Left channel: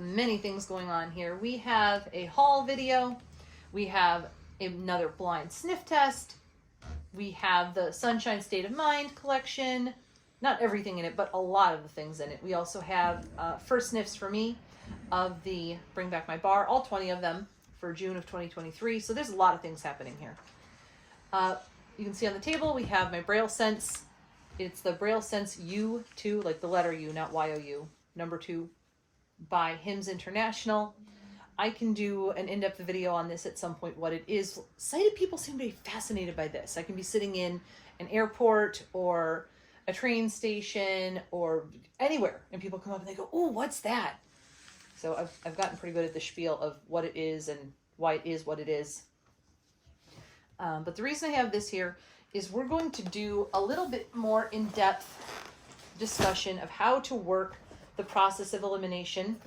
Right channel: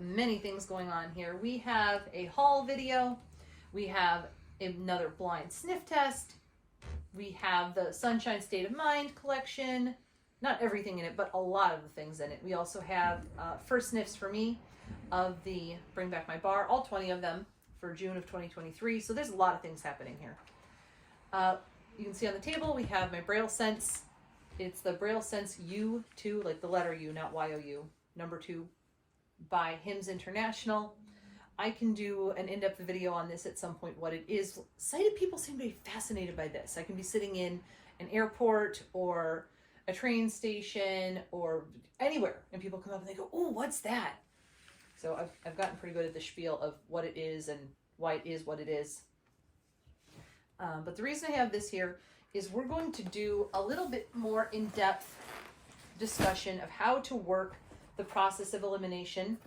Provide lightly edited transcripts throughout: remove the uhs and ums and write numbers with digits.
many things going on here. We have a haul video. We have another blind sniff test. We have the Sunshine State of Mind collection. Not everything in it, but a lot of the things in it. We also have first sniffs for me of the Bring Back My Bar, all 20 of them for June of 2023. So there's a lot of things happening here. You can see on the table we have my BrailleSense. It's the BrailleSense U2, like the letter U, not Y-O-U, number 2, by Hims International. I can do an in-depth video on this at some point, what it is. Sighted people seem to be fascinated by this. I can be sitting in an airport or a train station or anywhere, and people come up and they go, "Oh, what's that?" So I've gotten pretty good at the spiel of what it is and why it is what it is. But the reason I have this here is we're going to do a little bit more in-depth discussion of how to work the process of elimination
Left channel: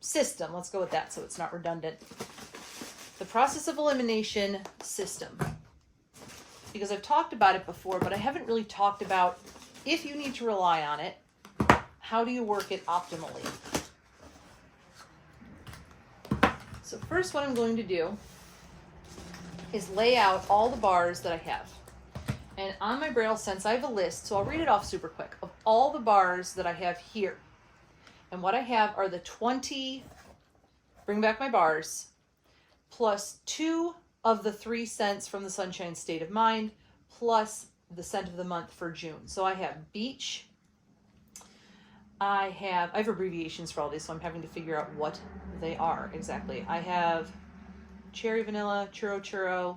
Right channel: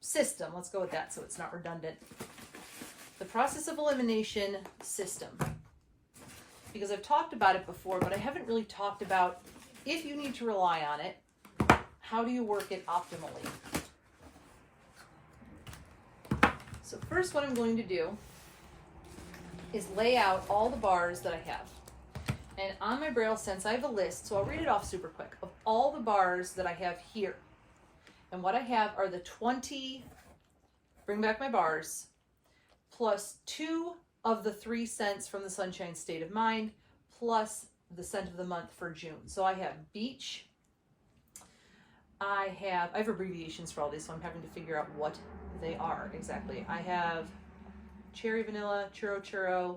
system. Let's go with that so it's not redundant. The process of elimination system. Because I've talked about it before, but I haven't really talked about if you need to rely on it, how do you work it optimally? So first what I'm going to do is lay out all the bars that I have. And on my BrailleSense, I have a list, so I'll read it off super quick, of all the bars that I have here. And what I have are the 20 Bring Back My Bars, plus 2 of the 3 scents from the Sunshine State of Mind, plus the scent of the month for June. So I have Beach. I have abbreviations for all these, so I'm having to figure out what they are exactly. I have Cherry Vanilla, Churro Churro,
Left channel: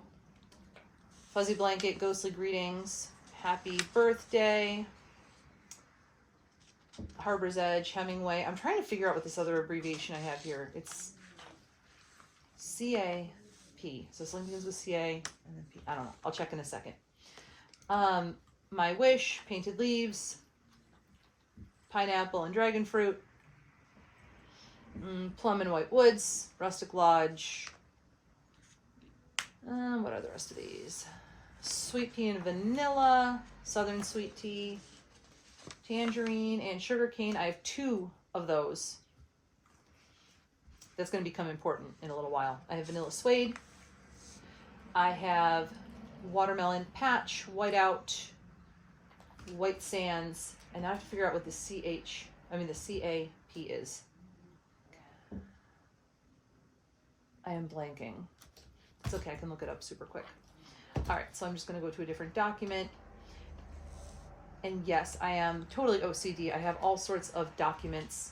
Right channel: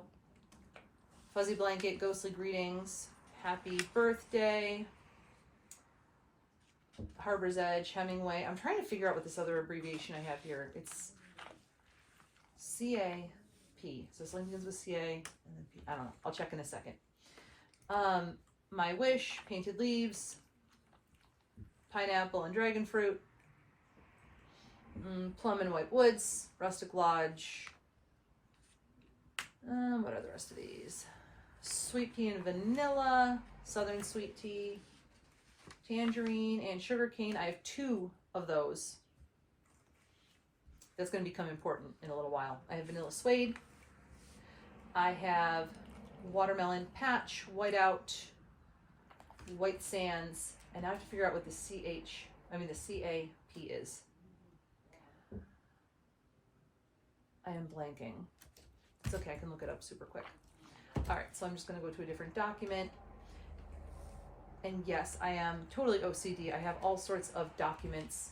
Fuzzy Blanket, Ghostly Greetings, Happy Birthday, Harbor's Edge, Hemingway. I'm trying to figure out what this other abbreviation I have here. It's CAP. So something begins with CA and then P. I don't know. I'll check in a second. My Wish, Painted Leaves, Pineapple and Dragon Fruit, Plum and White Woods, Rustic Lodge. What are the rest of these? Sweet Pea and Vanilla, Southern Sweet Tea, Tangerine, and Sugarcane. I have 2 of those. That's going to become important in a little while. I have Vanilla Suede. I have Watermelon Patch, Whiteout, White Sands, and I have to figure out what the CAP is. I am blanking. It's okay, I can look it up super quick. All right, so I'm just going to go to a different document. And yes, I am totally OCD. I have all sorts of documents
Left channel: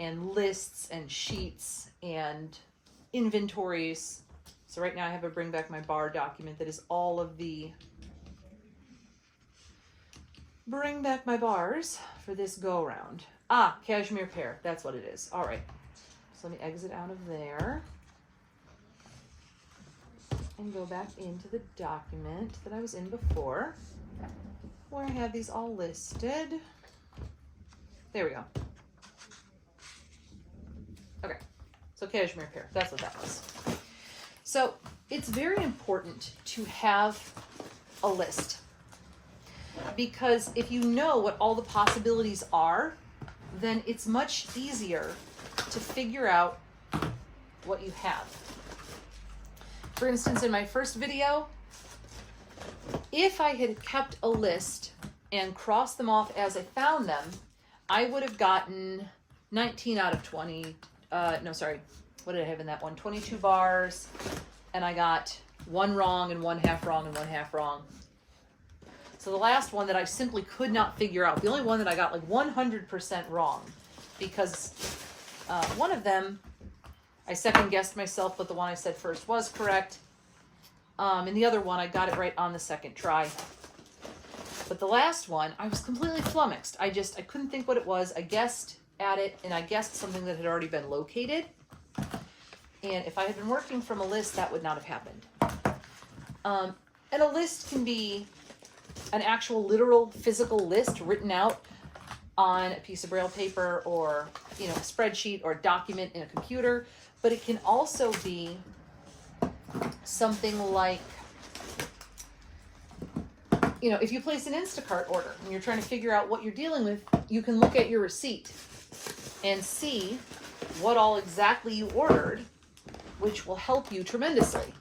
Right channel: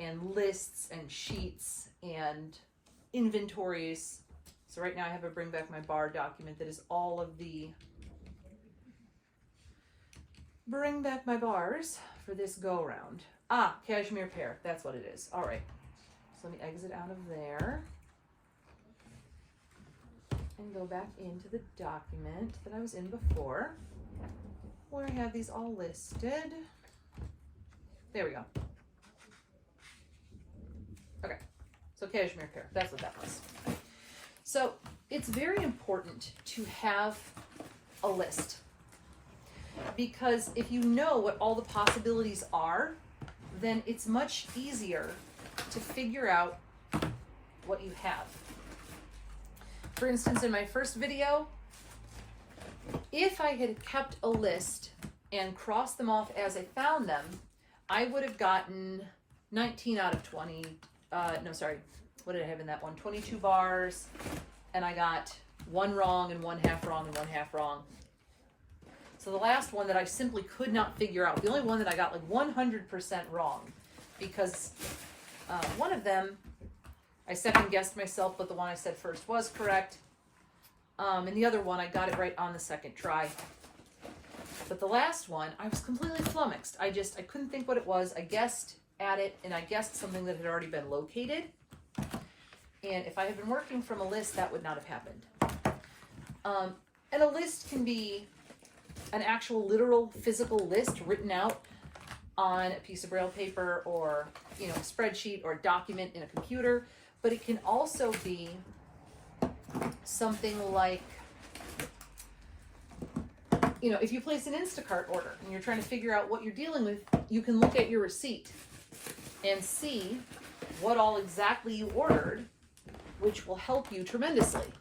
and lists and sheets and inventories. So right now I have a Bring Back My Bar document that is all of the Bring Back My Bars for this go-round. Cashmere Pear, that's what it is. All right, so let me exit out of there and go back into the document that I was in before, where I have these all listed. There we go. Okay, so Cashmere Pear, that's what that was. So it's very important to have a list, because if you know what all the possibilities are, then it's much easier to figure out what you have. For instance, in my first video, if I had kept a list and crossed them off as I found them, I would have gotten 19 out of 20. No, sorry. What did I have in that one? 22 bars, and I got 1 wrong and 1 half wrong and 1 half wrong. So the last one that I simply could not figure out, the only one that I got like 100% wrong, because one of them I second guessed myself, but the one I said first was correct. And the other one, I got it right on the second try. But the last one, I was completely flummoxed. I couldn't think what it was. I guessed at it, and I guessed something that had already been located. And if I had been working from a list, that would not have happened. And a list can be an actual literal physical list written out on a piece of Braille paper, or a spreadsheet or a document in a computer. But it can also be something like, if you place an Instacart order and you're trying to figure out what you're dealing with, you can look at your receipt and see what all exactly you ordered, which will help you tremendously.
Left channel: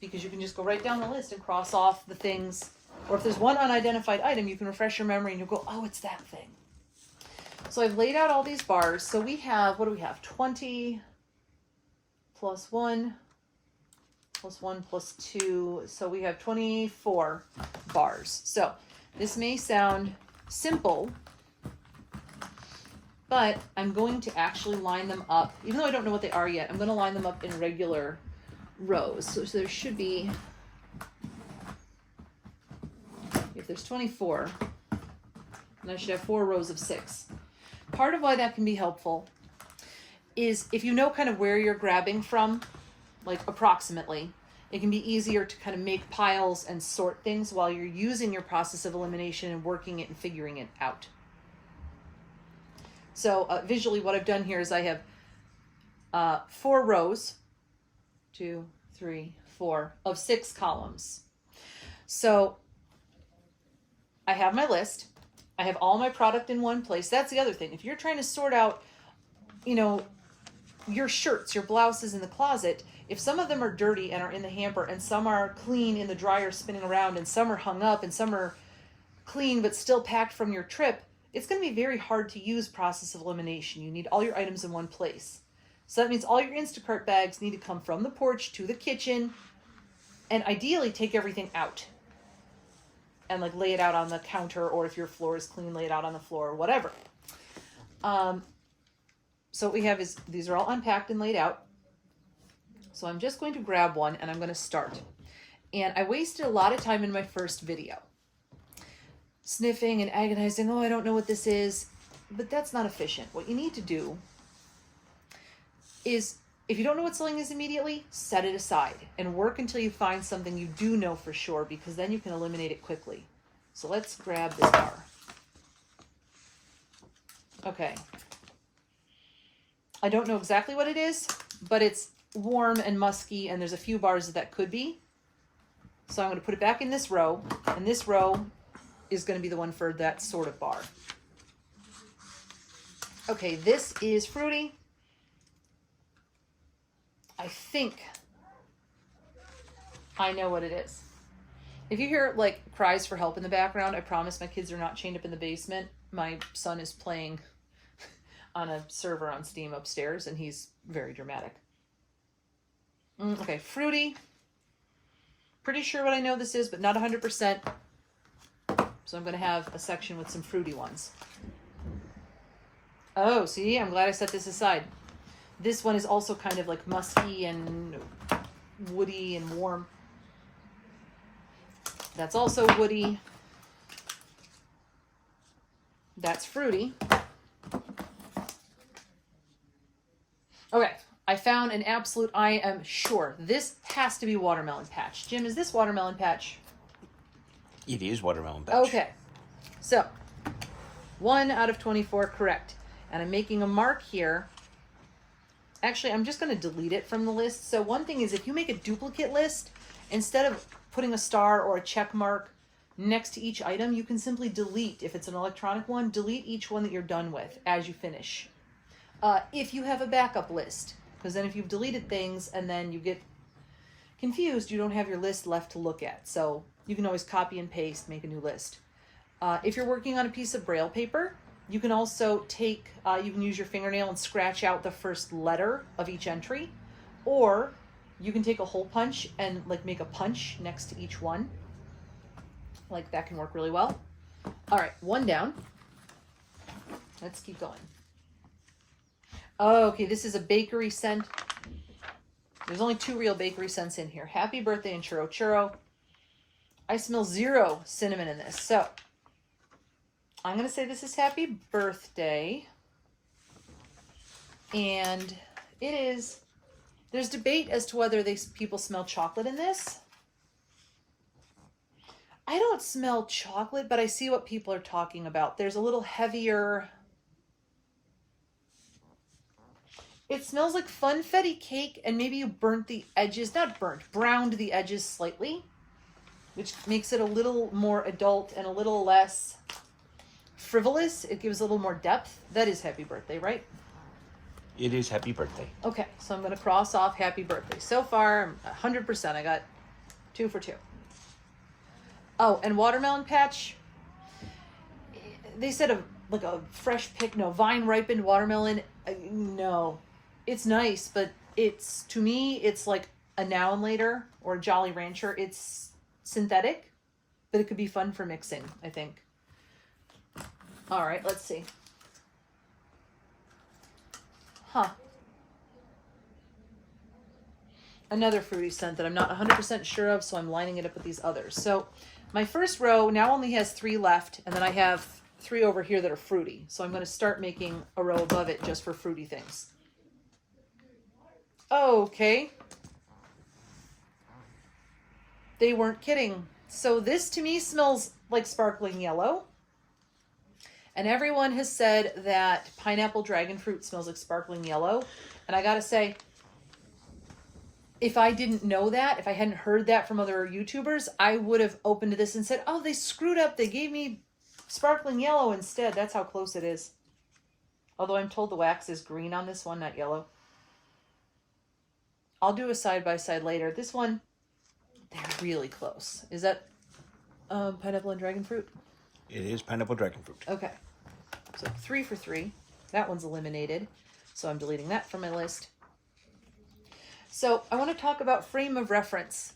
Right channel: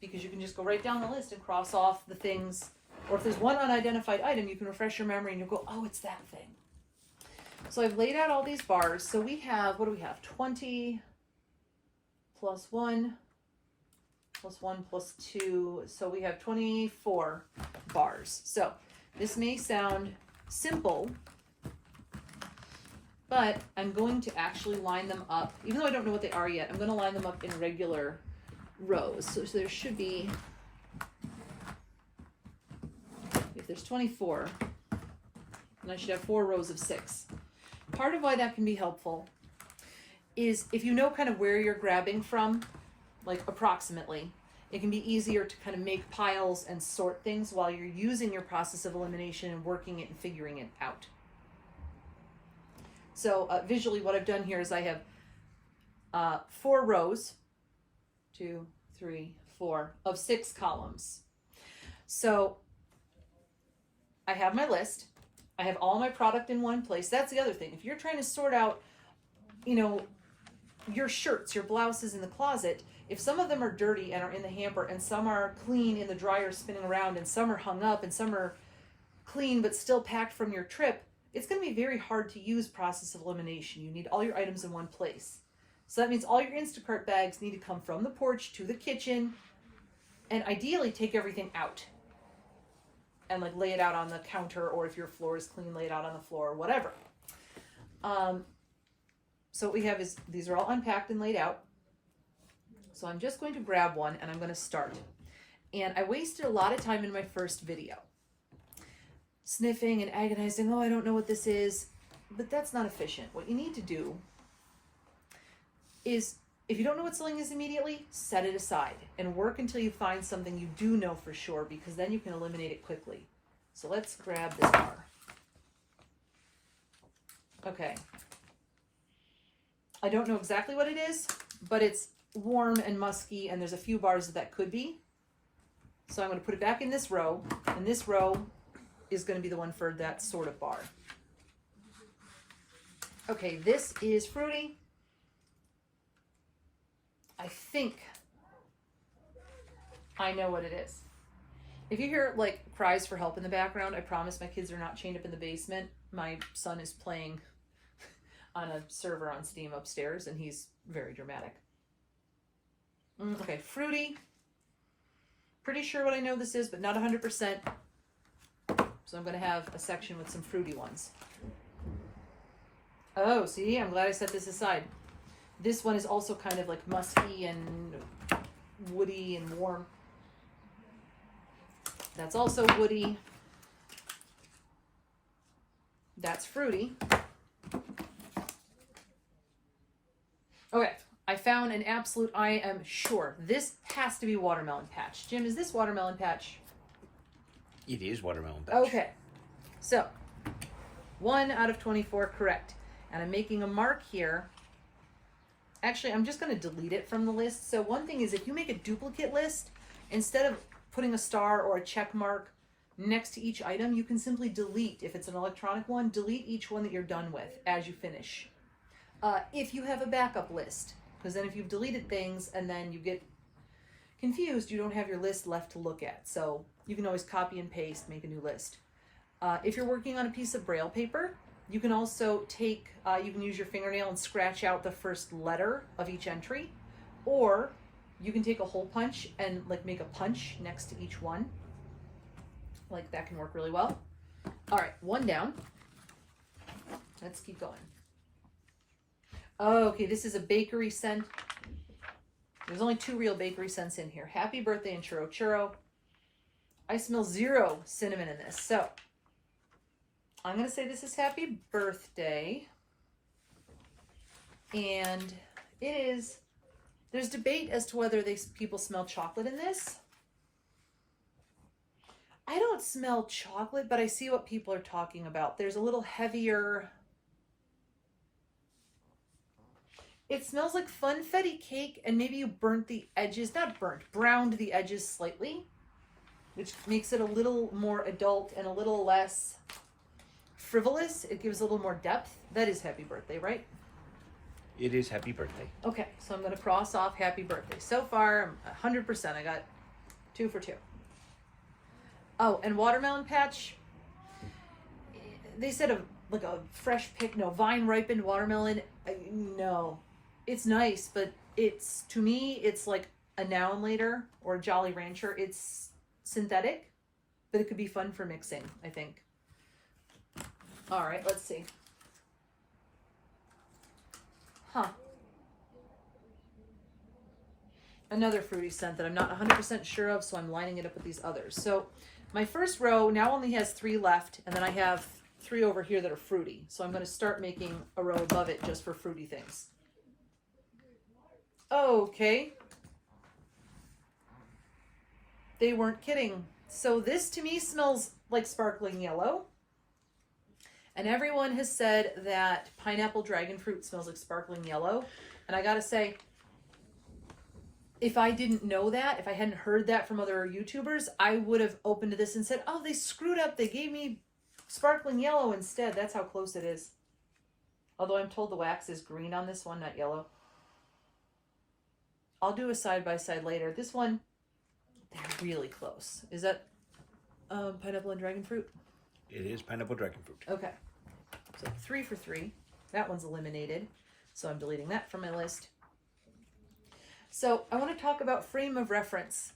Because you can just go right down the list and cross off the things, or if there's one unidentified item, you can refresh your memory and you'll go, oh, it's that thing. So I've laid out all these bars. So we have, what do we have? 20 plus 1 plus 1 plus 2. So we have 24 bars. So this may sound simple, but I'm going to actually line them up, even though I don't know what they are yet, I'm going to line them up in regular rows. So there should be, if there's 24, then I should have 4 rows of 6. Part of why that can be helpful is if you know kind of where you're grabbing from, like approximately, it can be easier to kind of make piles and sort things while you're using your process of elimination and working it and figuring it out. So visually what I've done here is I have 4 rows, 2, 3, 4 of 6 columns. So I have my list. I have all my product in one place. That's the other thing. If you're trying to sort out, you know, your shirts, your blouses in the closet, if some of them are dirty and are in the hamper and some are clean in the dryer spinning around and some are hung up and some are clean but still packed from your trip, it's going to be very hard to use process of elimination. You need all your items in one place. So that means all your Instacart bags need to come from the porch to the kitchen and ideally take everything out and like lay it out on the counter, or if your floor is clean, lay it out on the floor or whatever. So what we have is these are all unpacked and laid out. So I'm just going to grab one and I'm going to start. And I wasted a lot of time in my first video sniffing and agonizing, oh, I don't know what this is, but that's not efficient. What you need to do is, if you don't know what sewing is immediately, set it aside and work until you find something you do know for sure, because then you can eliminate it quickly. So let's grab this bar. Okay. I don't know exactly what it is, but it's warm and musky, and there's a few bars that could be. So I'm going to put it back in this row, and this row is going to be the one for that sort of bar. Okay, this is fruity. I think I know what it is. If you hear like cries for help in the background, I promise my kids are not chained up in the basement. My son is playing on a server on Steam upstairs, and he's very dramatic. Okay, fruity. Pretty sure what I know this is, but not 100%. So I'm going to have a section with some fruity ones. Oh, see, I'm glad I set this aside. This one is also kind of like musky and woody and warm. That's also woody. That's fruity. Okay, I found an absolute, I am sure, this has to be watermelon patch. Jim, is this watermelon patch? It is watermelon patch. Okay, so 1 out of 24 correct. And I'm making a mark here. Actually, I'm just going to delete it from the list. So one thing is, if you make a duplicate list, instead of putting a star or a check mark next to each item, you can simply delete, if it's an electronic one, delete each one that you're done with as you finish. If you have a backup list, because then if you've deleted things and then you get confused, you don't have your list left to look at. So you can always copy and paste, make a new list. If you're working on a piece of Braille paper, you can also take, you can use your fingernail and scratch out the first letter of each entry, or you can take a hole punch and like make a punch next to each one. Like that can work really well. All right, one down. Let's keep going. Okay, this is a bakery scent. There's only 2 real bakery scents in here. Happy birthday and churro churro. I smell 0 cinnamon in this, so I'm going to say this is happy birthday. And it is, there's debate as to whether people smell chocolate in this. I don't smell chocolate, but I see what people are talking about. There's a little heavier, it smells like funfetti cake, and maybe you burnt the edges, not burnt, browned the edges slightly, which makes it a little more adult and a little less frivolous. It gives a little more depth. That is happy birthday, right? It is happy birthday. Okay, so I'm going to cross off happy birthday. So far, 100%. I got 2 for 2. Oh, and watermelon patch. They said like a fresh pick, no, vine ripened watermelon. No, it's nice, but it's, to me, it's like a Now and Later or a Jolly Rancher. It's synthetic, but it could be fun for mixing, I think. All right, let's see. Huh. Another fruity scent that I'm not 100% sure of, so I'm lining it up with these others. So my first row now only has 3 left, and then I have 3 over here that are fruity. So I'm going to start making a row above it just for fruity things. Okay. They weren't kidding. So this to me smells like sparkling yellow. And everyone has said that pineapple dragon fruit smells like sparkling yellow. And I gotta say, if I didn't know that, if I hadn't heard that from other YouTubers, I would have opened this and said, oh, they screwed up. They gave me sparkling yellow instead. That's how close it is. Although I'm told the wax is green on this one, not yellow. I'll do a side-by-side later. This one, they're really close. Is that pineapple and dragon fruit? It is pineapple dragon fruit. Okay. So 3 for 3. That one's eliminated. So I'm deleting that from my list. So I want to talk about frame of reference.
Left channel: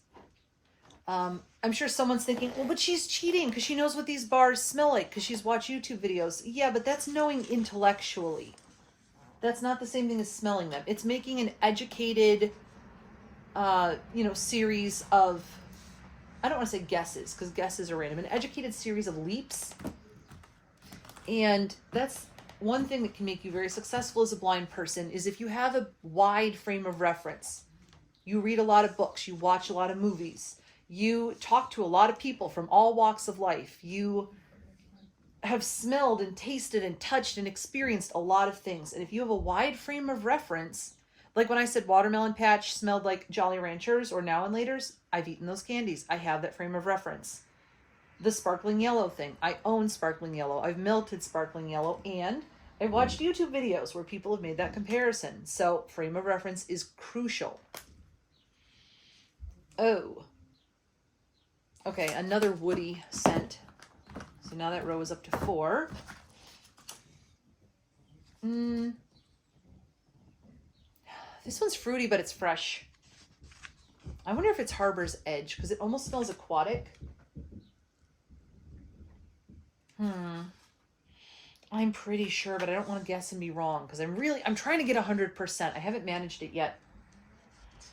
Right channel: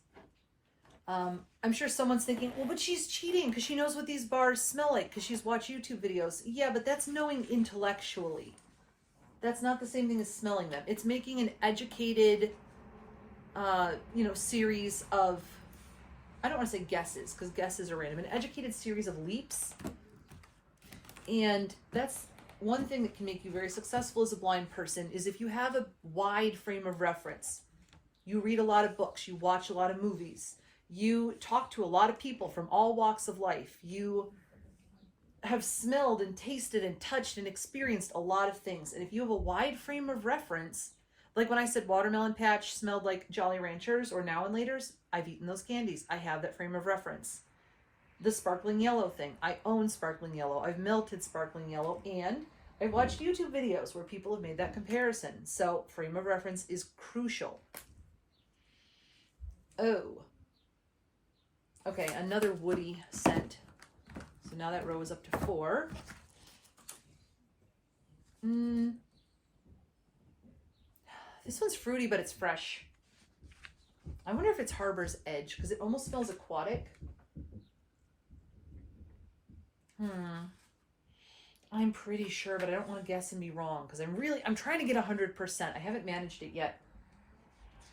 I'm sure someone's thinking, well, but she's cheating because she knows what these bars smell like because she's watched YouTube videos. Yeah, but that's knowing intellectually. That's not the same thing as smelling them. It's making an educated, series of, I don't want to say guesses because guesses are random, an educated series of leaps. And that's one thing that can make you very successful as a blind person is if you have a wide frame of reference. You read a lot of books, you watch a lot of movies, you talk to a lot of people from all walks of life, you have smelled and tasted and touched and experienced a lot of things. And if you have a wide frame of reference, like when I said watermelon patch smelled like Jolly Ranchers or Now and Laters, I've eaten those candies. I have that frame of reference. The sparkling yellow thing, I own sparkling yellow. I've melted sparkling yellow, and I've watched YouTube videos where people have made that comparison. So frame of reference is crucial. Oh. Okay, another woody scent. So now that row is up to 4. This one's fruity, but it's fresh. I wonder if it's Harbor's Edge, because it almost smells aquatic. I'm pretty sure, but I don't want to guess and be wrong, because I'm trying to get 100%. I haven't managed it yet.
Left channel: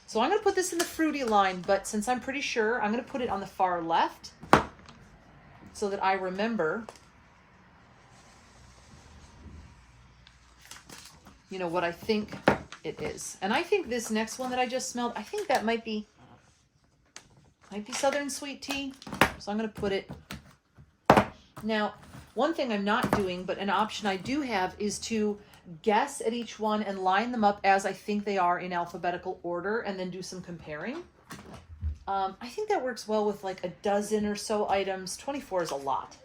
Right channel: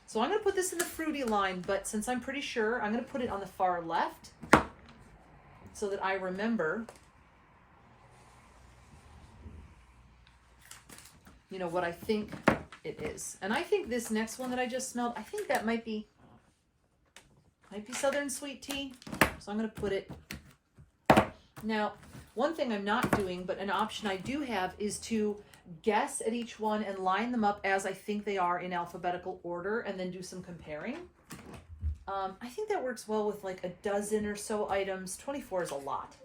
So I'm going to put this in the fruity line, but since I'm pretty sure, I'm going to put it on the far left so that I remember, what I think it is. And I think this next one that I just smelled, I think that might be Southern Sweet Tea. So I'm going to put it. Now, one thing I'm not doing, but an option I do have is to guess at each one and line them up as I think they are in alphabetical order and then do some comparing. I think that works well with like a dozen or so items. 24 is a lot.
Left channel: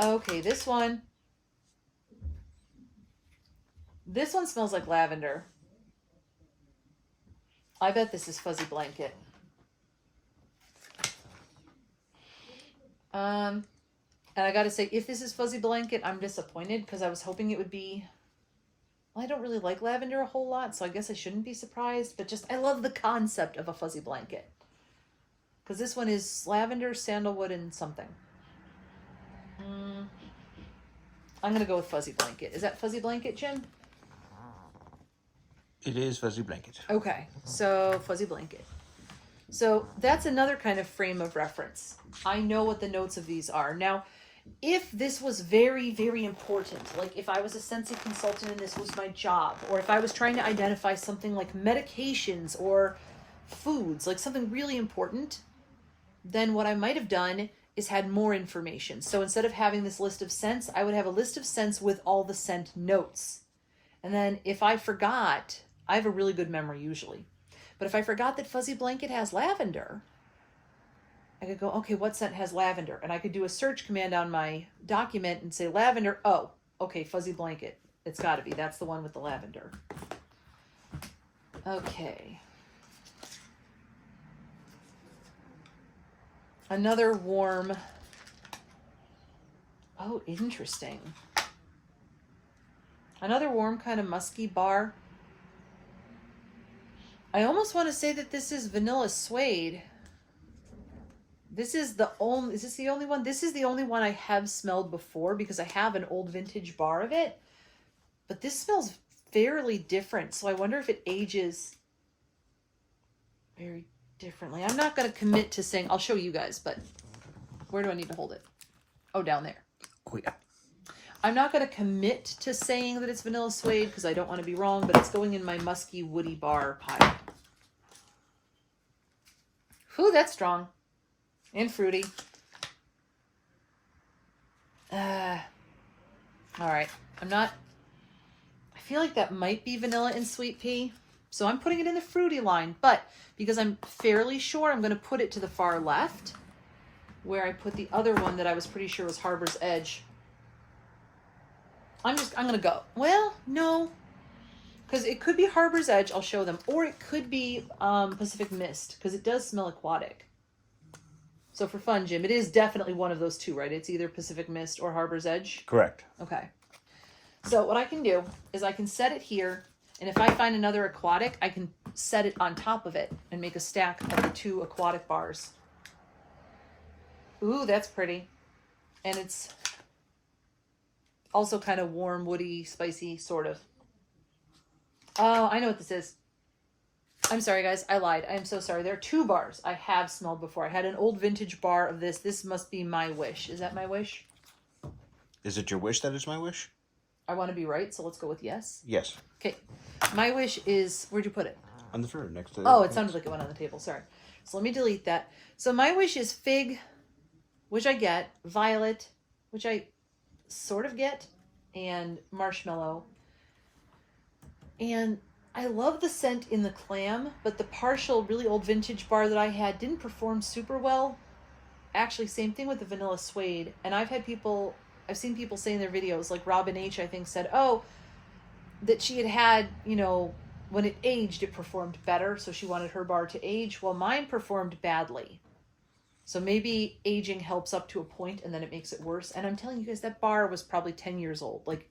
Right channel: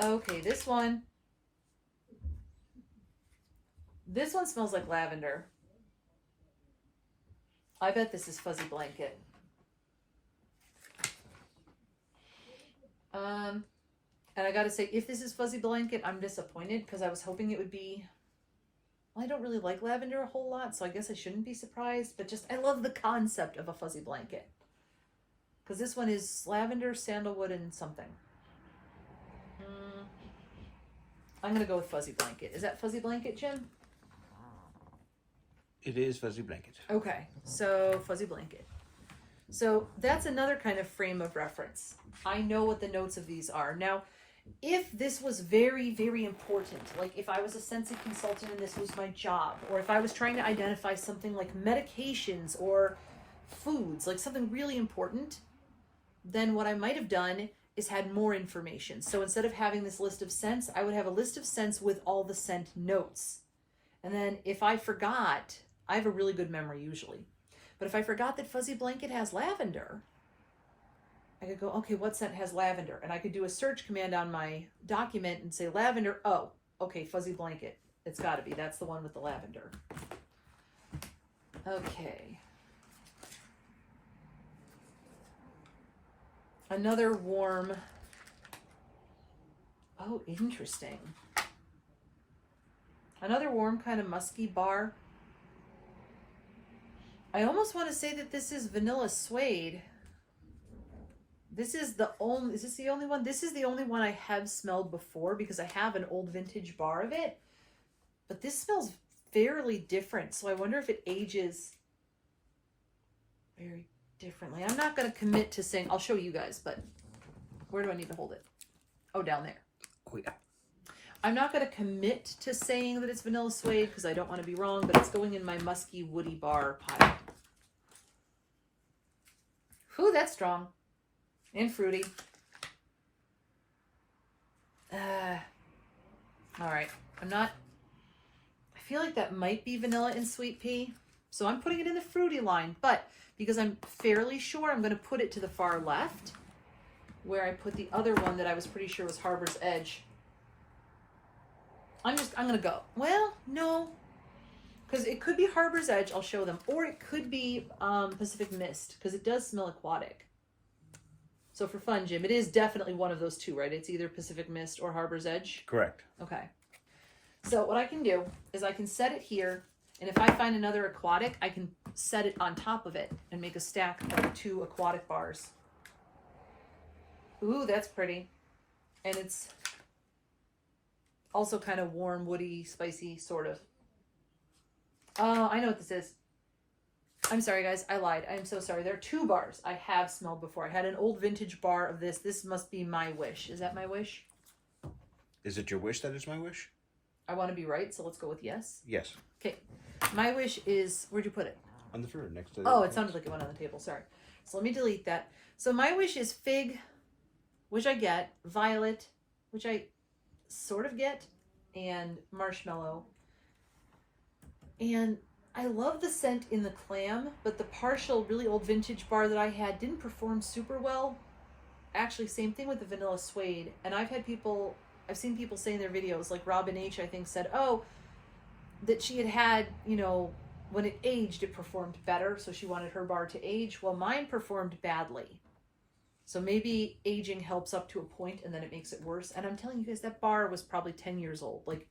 Okay, this one smells like lavender. I bet this is Fuzzy Blanket. And I gotta say, if this is Fuzzy Blanket, I'm disappointed because I was hoping it would be, well, I don't really like lavender a whole lot, so I guess I shouldn't be surprised, but I love the concept of a fuzzy blanket. Because this one is lavender, sandalwood, and something. I'm gonna go with Fuzzy Blanket. Is that Fuzzy Blanket, Jim? It is Fuzzy Blanket. Okay, so Fuzzy Blanket. So that's another kind of frame of reference. I know what the notes of these are. Now, if this was very, very important, like if I was a Scentsy consultant and this was my job, or if I was trying to identify something like medications or foods, like something really important, then what I might have done is had more information. So instead of having this list of scents, I would have a list of scents with all the scent notes. And then if I forgot, I have a really good memory usually. But if I forgot that Fuzzy Blanket has lavender, I could go, okay, what scent has lavender? And I could do a search command on my document and say lavender. Oh, okay, fuzzy blanket. It's got to be. That's the one with the lavender. Okay. Another warm. Oh, interesting. Another warm kind of musky bar. I almost want to say that this is vanilla suede. This is the only, is this the only one? This is the only one I have smelled before because I have an old vintage bar of it. But this smells fairly different. So I wonder if it ages very differently. I'm not going to commit to saying, I'll show you guys, but where do I need to hold it? Oh, down there. Oh, yeah. I'm not going to commit to saying that it's vanilla suede because I don't want to be wrong, but it's going in my musky woody bar pile. Whew, that's strong. And fruity. All right. I feel like that might be vanilla and sweet pea. So I'm putting it in the fruity line, but because I'm fairly sure I'm going to put it to the far left where I put the other one that I was pretty sure was Harbor's Edge. I'm going to go. Well, no, because it could be Harbor's Edge. I'll show them. Or it could be Pacific Mist because it does smell aquatic. So for fun, Jim, it is definitely one of those two, right? It's either Pacific Mist or Harbor's Edge. Correct. Okay. So what I can do is I can set it here. And if I find another aquatic, I can set it on top of it and make a stack of the two aquatic bars. Ooh, that's pretty. And it's also kind of warm, woody, spicy, sort of. Oh, I know what this is. I'm sorry, guys. I lied. I'm so sorry. There are two bars I have smelled before. I had an old vintage bar of this. This must be My Wish. Is that My Wish? Is it your wish that is my wish? I want to be right, so let's go with yes. Yes. Okay. My Wish is... Where'd you put it? On the third, next to... Oh, it sounded like it went on the table. Sorry. So let me delete that. So My Wish is fig, which I get, violet, which I sort of get, and marshmallow. And I love the scent in the clam, but the partial, really old vintage bar that I had didn't perform super well. Actually, same thing with the vanilla suede. And I've seen people say in their videos, like Robin H, I think, said, oh, that she had, you know, when it aged, it performed better. So she wanted her bar to age. Well, mine performed badly. So maybe aging helps up to a point and then it makes it worse. And I'm telling you guys, that bar was probably 10 years old. Like,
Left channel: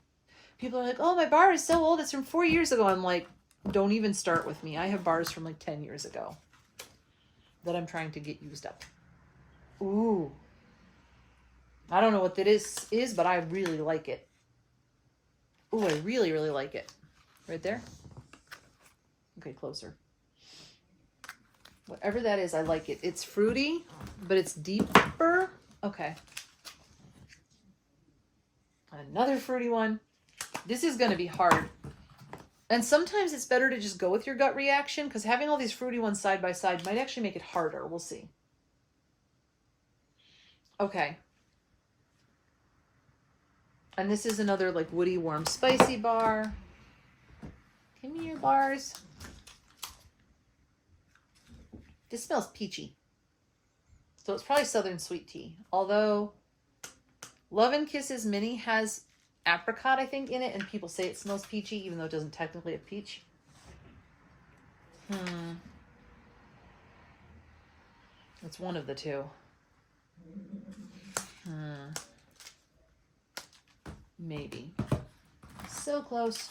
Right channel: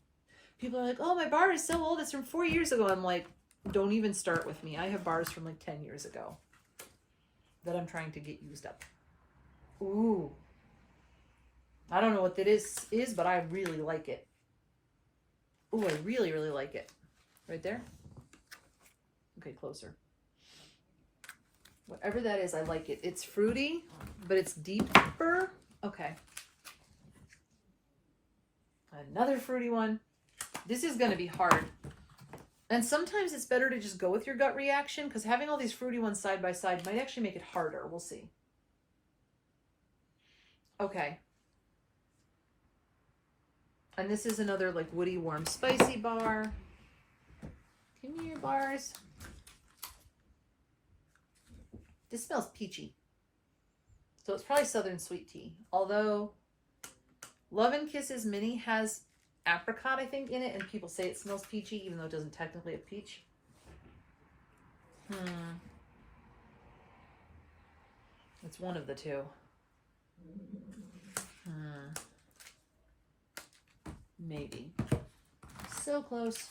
people are like, oh, my bar is so old. It's from 4 years ago. I'm like, don't even start with me. I have bars from like 10 years ago that I'm trying to get used up. Ooh. I don't know what that is, but I really like it. Ooh, I really, really like it. Right there? Okay, closer. Whatever that is, I like it. It's fruity, but it's deeper. Okay. Another fruity one. This is going to be hard. And sometimes it's better to just go with your gut reaction because having all these fruity ones side by side might actually make it harder. We'll see. Okay. And this is another like woody, warm, spicy bar. Give me your bars. This smells peachy. So it's probably Southern Sweet Tea. Although Love and Kisses Mini has apricot, I think, in it, and people say it smells peachy, even though it doesn't technically have peach. It's one of the two. Maybe. So close.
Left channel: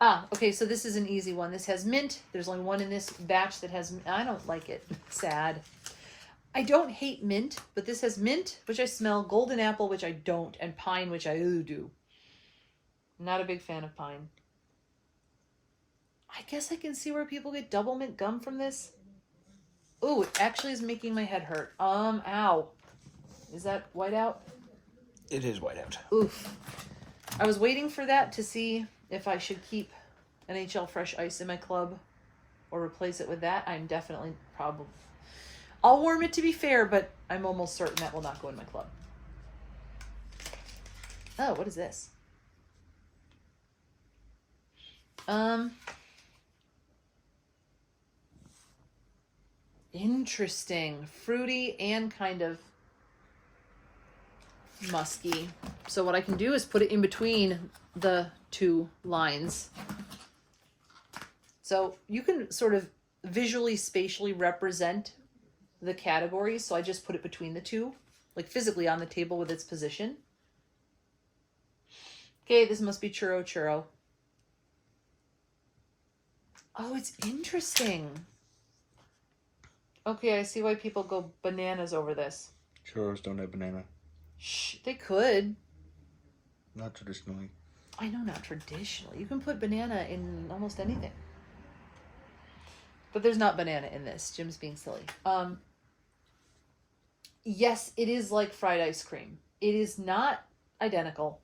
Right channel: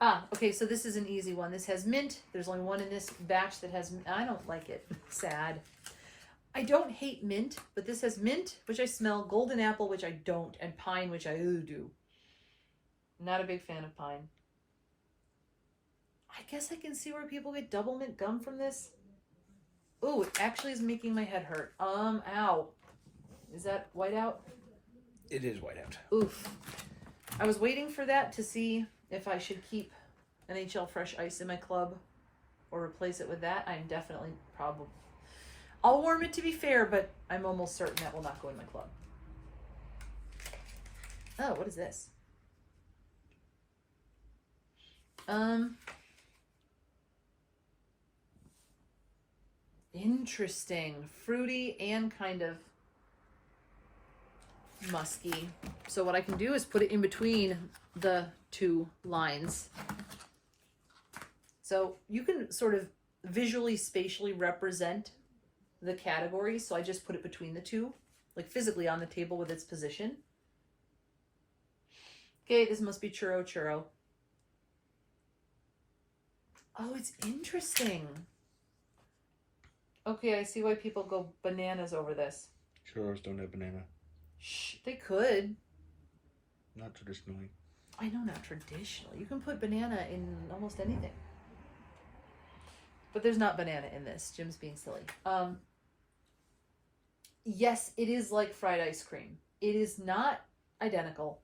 Ah, okay, so this is an easy one. This has mint. There's only one in this batch that has... I don't like it. Sad. I don't hate mint, but this has mint, which I smell, golden apple, which I don't, and pine, which I do. Not a big fan of pine. I guess I can see where people get double mint gum from this. Ooh, it actually is making my head hurt. Ow. Is that whiteout? It is whiteout. Oof. I was waiting for that to see if I should keep NHL Fresh Ice in my club or replace it with that. I'm definitely probably... I'll warm it to be fair, but I'm almost certain that will not go in my club. Oh, what is this? interesting. Fruity and kind of musky. So what I can do is put it in between the two lines. So you can sort of visually, spatially represent the categories. So I just put it between the two, like physically on the table with its position. Okay, this must be churro churro. Oh, it's interesting. Okay, I see why people go bananas over this. Churros don't have banana. Shh, they could. Not traditionally. I know, not traditionally. You can put banana in almost anything. But there's not banana in this. Jim's being silly. Yes, it is like fried ice cream. It is not identical.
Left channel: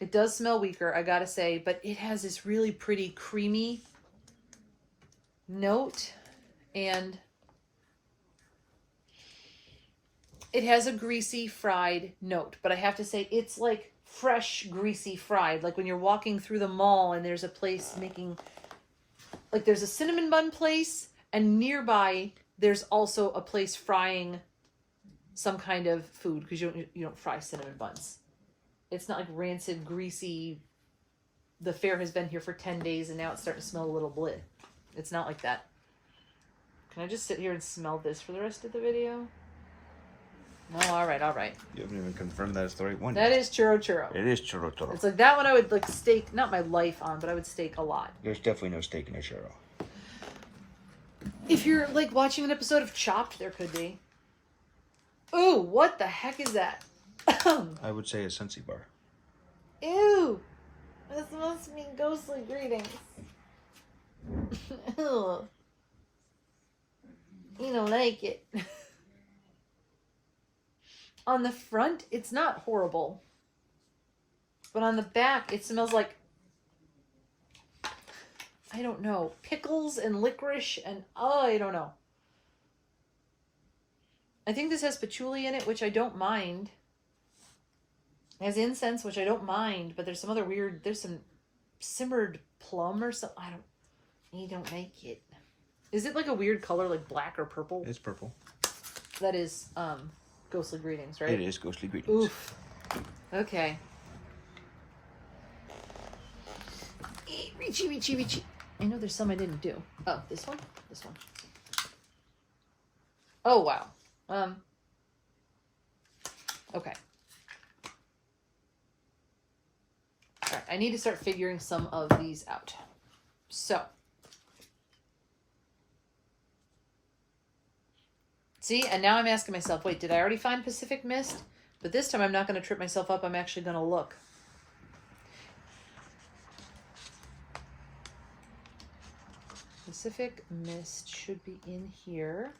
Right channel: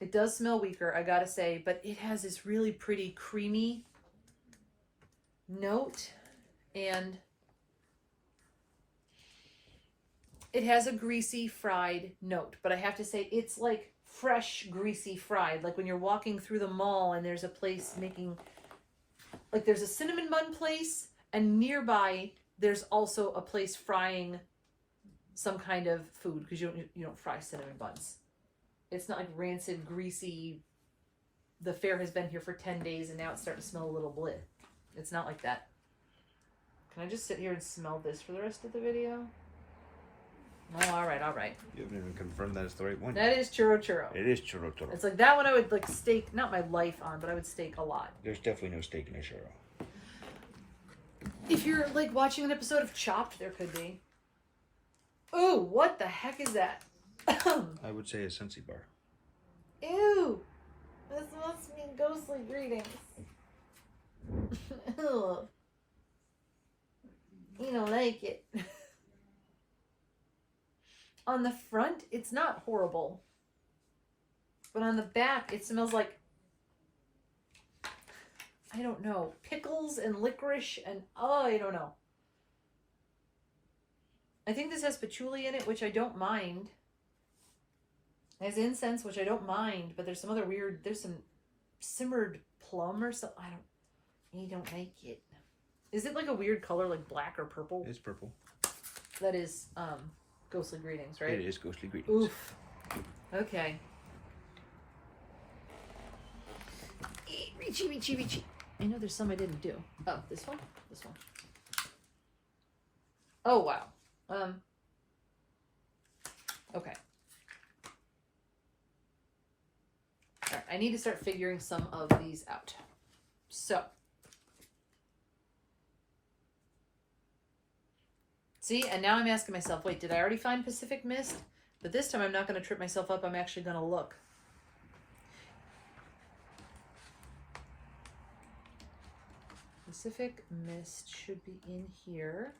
It does smell weaker, I gotta say, but it has this really pretty creamy note, and it has a greasy fried note, but I have to say it's like fresh greasy fried, like when you're walking through the mall and there's a place making, like there's a cinnamon bun place, and nearby there's also a place frying some kind of food, because you don't fry cinnamon buns. It's not like rancid, greasy, the fair has been here for 10 days and now it's starting to smell a little bleh. It's not like that. Can I just sit here and smell this for the rest of the video? No, all right. You haven't even confirmed that it's the right one. That is churro churro. It is churro churro. It's like that one I would like stake, not my life on, but I would stake a lot. There's definitely no steak in a churro. If you're like watching an episode of Chopped, there could be. Ooh, what the heck is that? I would say a Sensi bar. Ew! This must be ghostly greetings. Ew. You don't like it. On the front, it's not horrible. But on the back, it smells like, I don't know, pickles and licorice and, I don't know. I think this has patchouli in it, which I don't mind. It has incense, which I don't mind, but there's some other weird, there's some simmered plum or something. You don't like it. Is it like a weird color, like black or purple? It's purple. That is ghostly greetings, right? It is ghostly greetings. Oof. Okay. Reachy, reachy, reachy. I know there's some I didn't do. Oh, this one? This one. Oh, wow. Okay. All right, I need to start figuring some of these out. So. See, and now I'm asking myself, wait, did I already find Pacific Mist? But this time I'm not going to trip myself up. I'm actually going to look. Pacific Mist should be in here.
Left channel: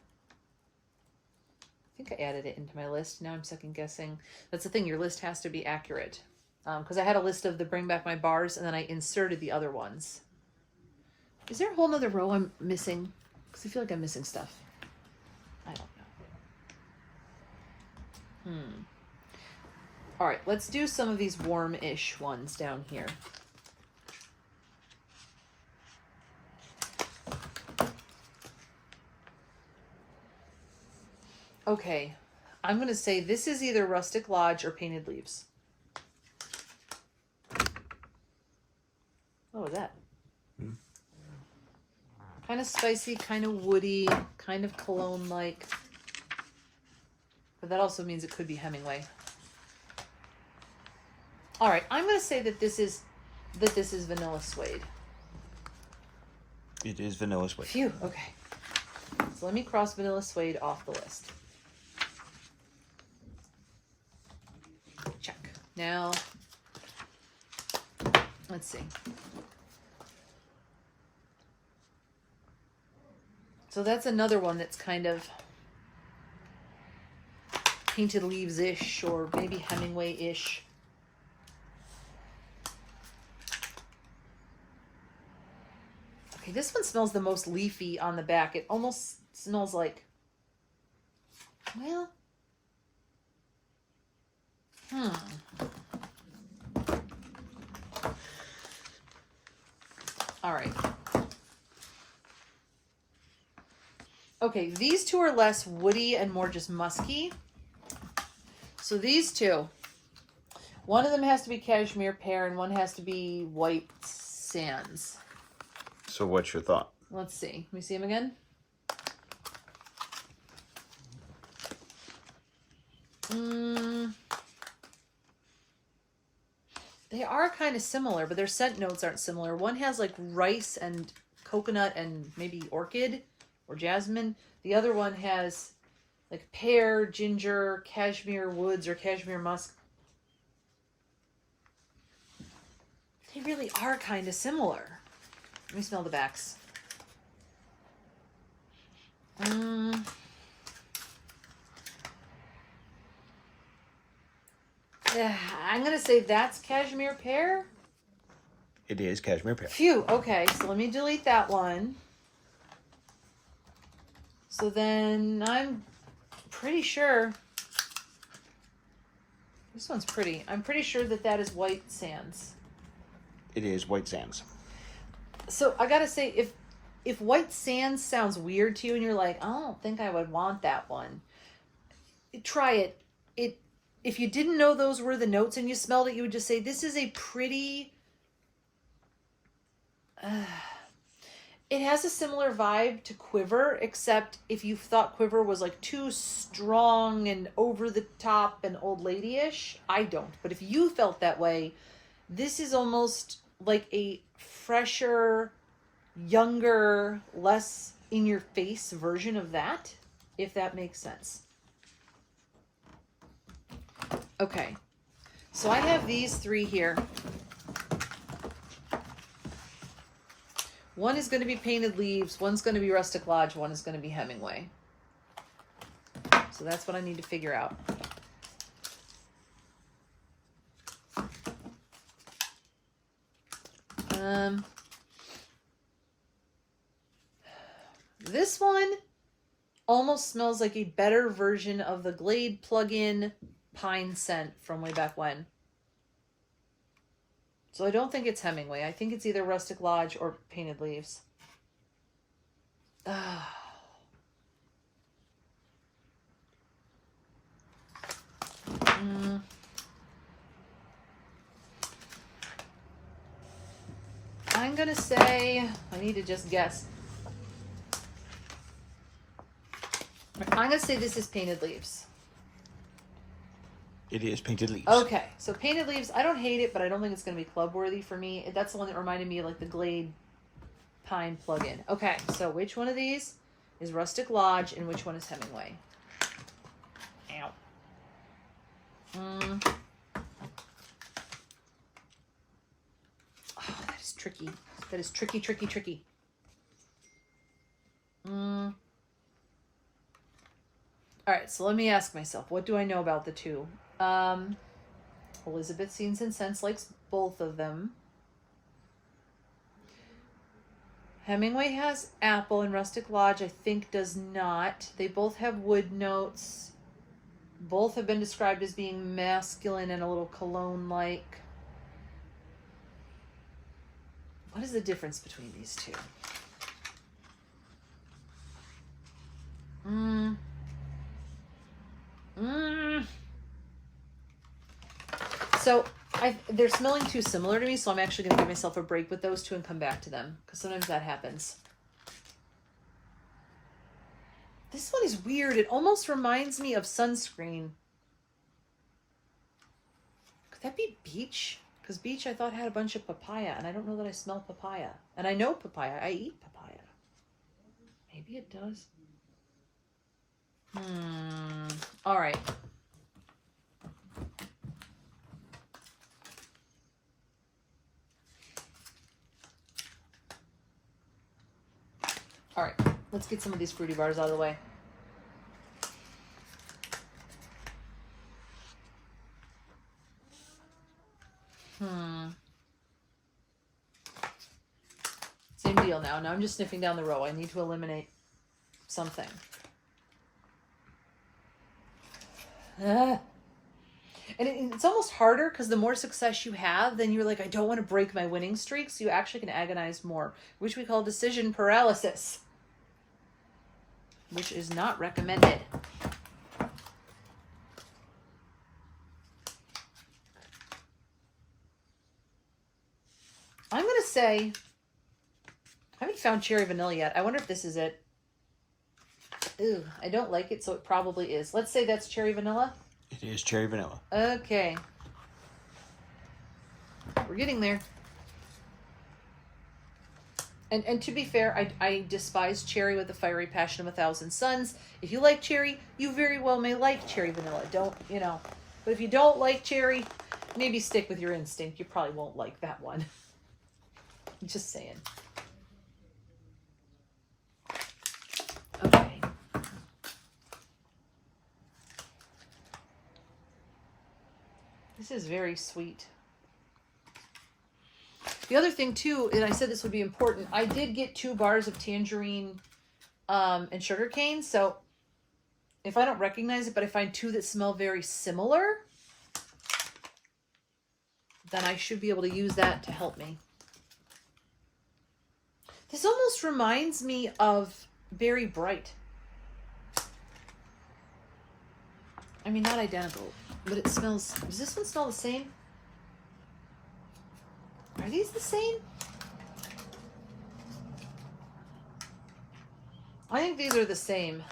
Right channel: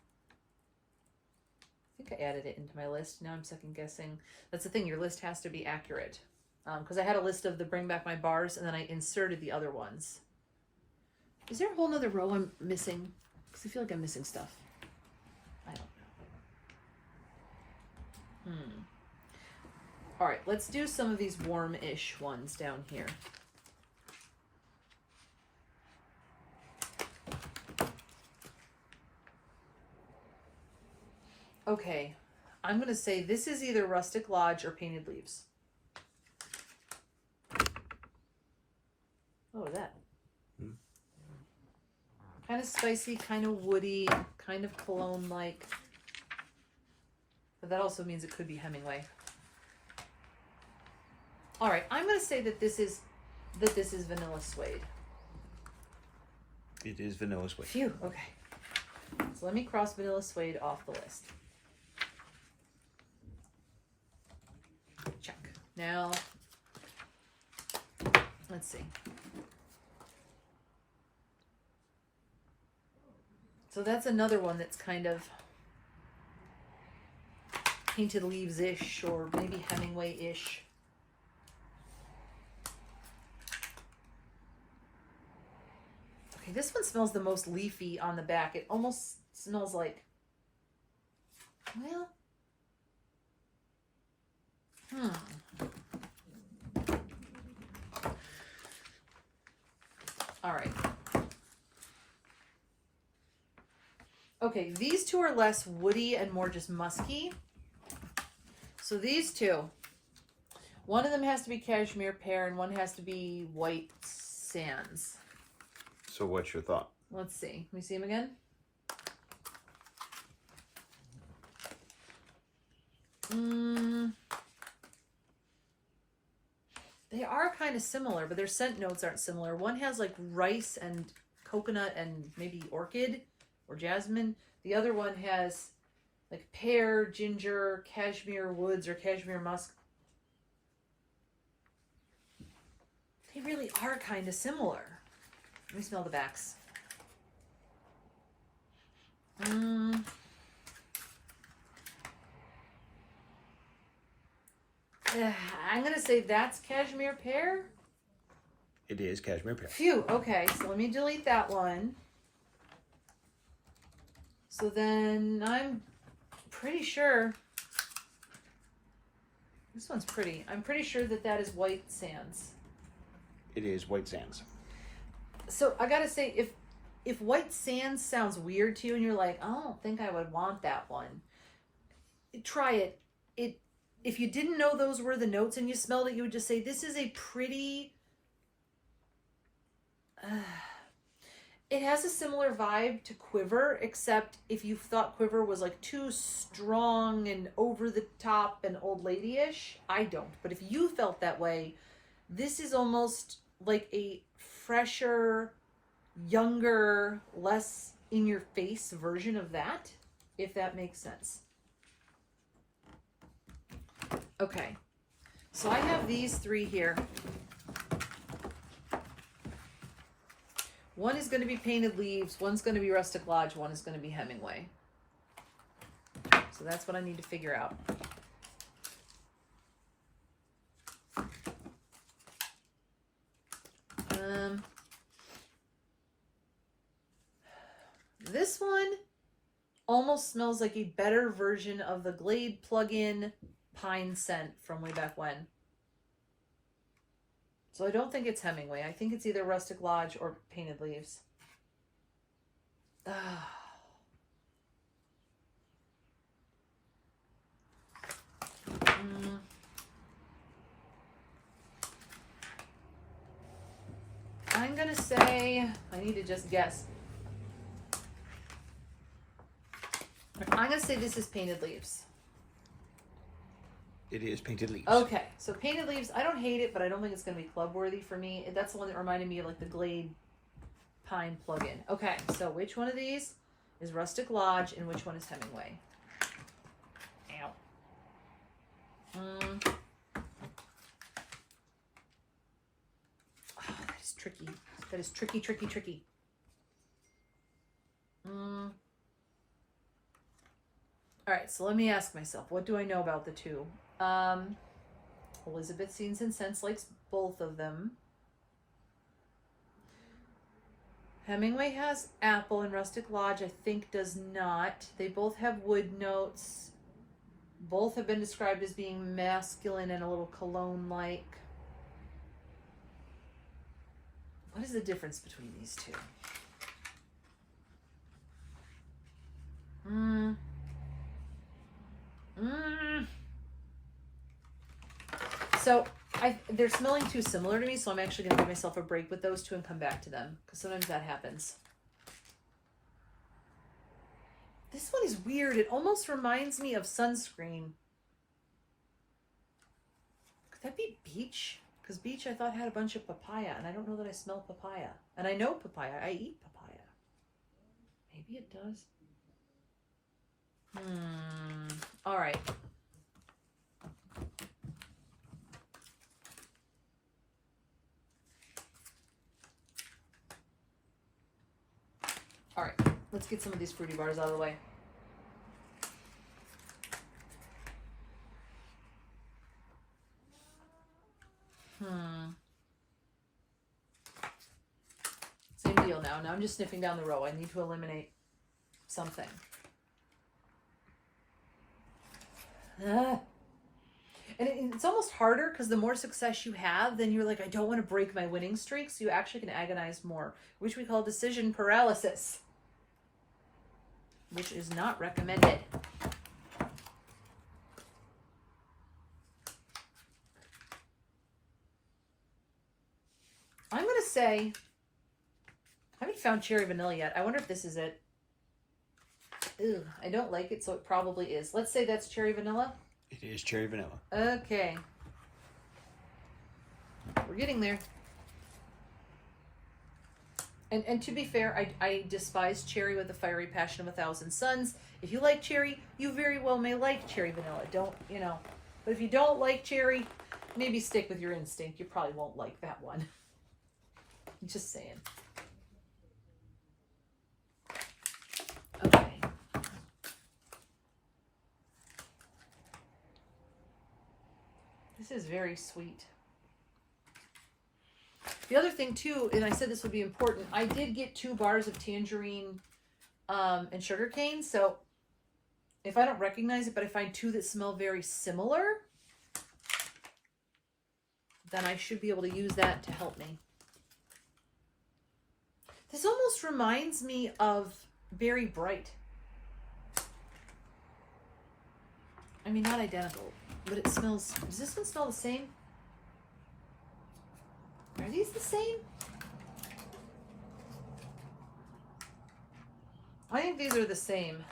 I think I added it into my list. Now I'm second guessing. That's the thing. Your list has to be accurate. Because I had a list of the Bring Back My Bars, and then I inserted the other ones. Is there a whole nother row I'm missing? Because I feel like I'm missing stuff. I don't know. All right, let's do some of these warm-ish ones down here. Okay, I'm going to say this is either Rustic Lodge or Painted Leaves. What was that? Kind of spicy, kind of woody, kind of cologne-like. But that also means it could be Hemingway. All right, I'm going to say that this is Vanilla Suede. It is Vanilla Suede. Phew, okay. So let me cross Vanilla Suede off the list. Check. Now, let's see. So that's another one that's kind of Painted Leaves-ish, or maybe Hemingway-ish. Okay, this one smells the most leafy on the back. It almost smells like, well, all right. Okay, these two are less woody and more just musky. So these two, one of them has to be cashmere pear and one has to be white sands. So what's your thought? Let's see. Let me see them again. They are kind of similar, but their scent notes aren't similar. One has like rice and coconut and maybe orchid or jasmine. The other one has like pear, ginger, cashmere woods, or cashmere musk. They really are kind of similar. Let me smell the backs. I'm going to say that's cashmere pear. It is cashmere pear. Phew. Okay, so let me delete that one. So then I'm pretty sure this one's pretty. I'm pretty sure that that is white sands. It is white sands. So I gotta say, if white sands sounds weird to you and you're like, I don't think I would want that one, try it. If you didn't know those were the notes and you smelled it, you would just say, this is a pretty... it has a similar vibe to Quiver, except if you thought Quiver was like too strong and over the top and old lady-ish, I don't. But if you felt that way, this is almost like a fresher, younger, less in-your-face version of that, if that makes sense. Okay, so I have these three here. One is going to be Painted Leaves, one's going to be Rustic Lodge, one is going to be Hemingway. So that's what I need to figure out. This one almost smells like a better version of the Glade plug-in pine scent from way back when. So I don't think it's Hemingway. I think it's either Rustic Lodge or Painted Leaves. I'm going to say, I need to just guess. I'm going to say this is Painted Leaves. It is Painted Leaves. Okay, so Painted Leaves, I don't hate it, but I don't think it's going to be club worthy for me. That's the one that reminded me of like the Glade Pine plug-in. Okay, so which one of these is Rustic Lodge and which one is Hemingway? Ow. Oh, that is tricky. That is tricky, tricky, tricky. All right, so let me ask myself, what do I know about the two? Elizabeth Scenes and Scents likes both of them. Hemingway has apple and Rustic Lodge, I think, does not. They both have wood notes. Both have been described as being masculine and a little cologne-like. What is the difference between these two? So they're smelling too similar to me, so I'm actually going to give myself a break with those two and come back to them, because sometimes that happens. This one is weird. It almost reminds me of sunscreen. Could that be beach? Because beach I thought had a bunch of papaya, and I don't know that I smell papaya. And I know papaya. I eat papaya. Maybe it does. All right. All right, let's get some of these fruity bars out of the way. Same deal now. Now I'm just sniffing down the row. I need to eliminate something. And it's almost harder because the more success you have, then you're like, I don't want to break my winning streak, so you actually can agonize more, which we call decision paralysis. which is not recommended. I'm going to say, I haven't found cherry vanilla yet. I wonder if this is it. Ooh, I don't like it, so it probably is. Let's say that's cherry vanilla. It is cherry vanilla. Okay. We're getting there. And to be fair, I despise cherry with the fiery passion of 1,000 suns. If you like cherry, you very well may like cherry vanilla. Don't, you know. But if you don't like cherry, maybe stick with your instinct. You probably won't like that one. Just saying. Okay. This is very sweet. The other thing too, and I said this would be important, I did get 2 bars of tangerine and sugar cane. So if I don't recognize it, but I find 2 that smell very similar, then I should be able to use that to help me. This almost reminds me of Berry Bright. I mean, not identical, but it smells... Does this one smell the same? Are these the same? I think these are the same.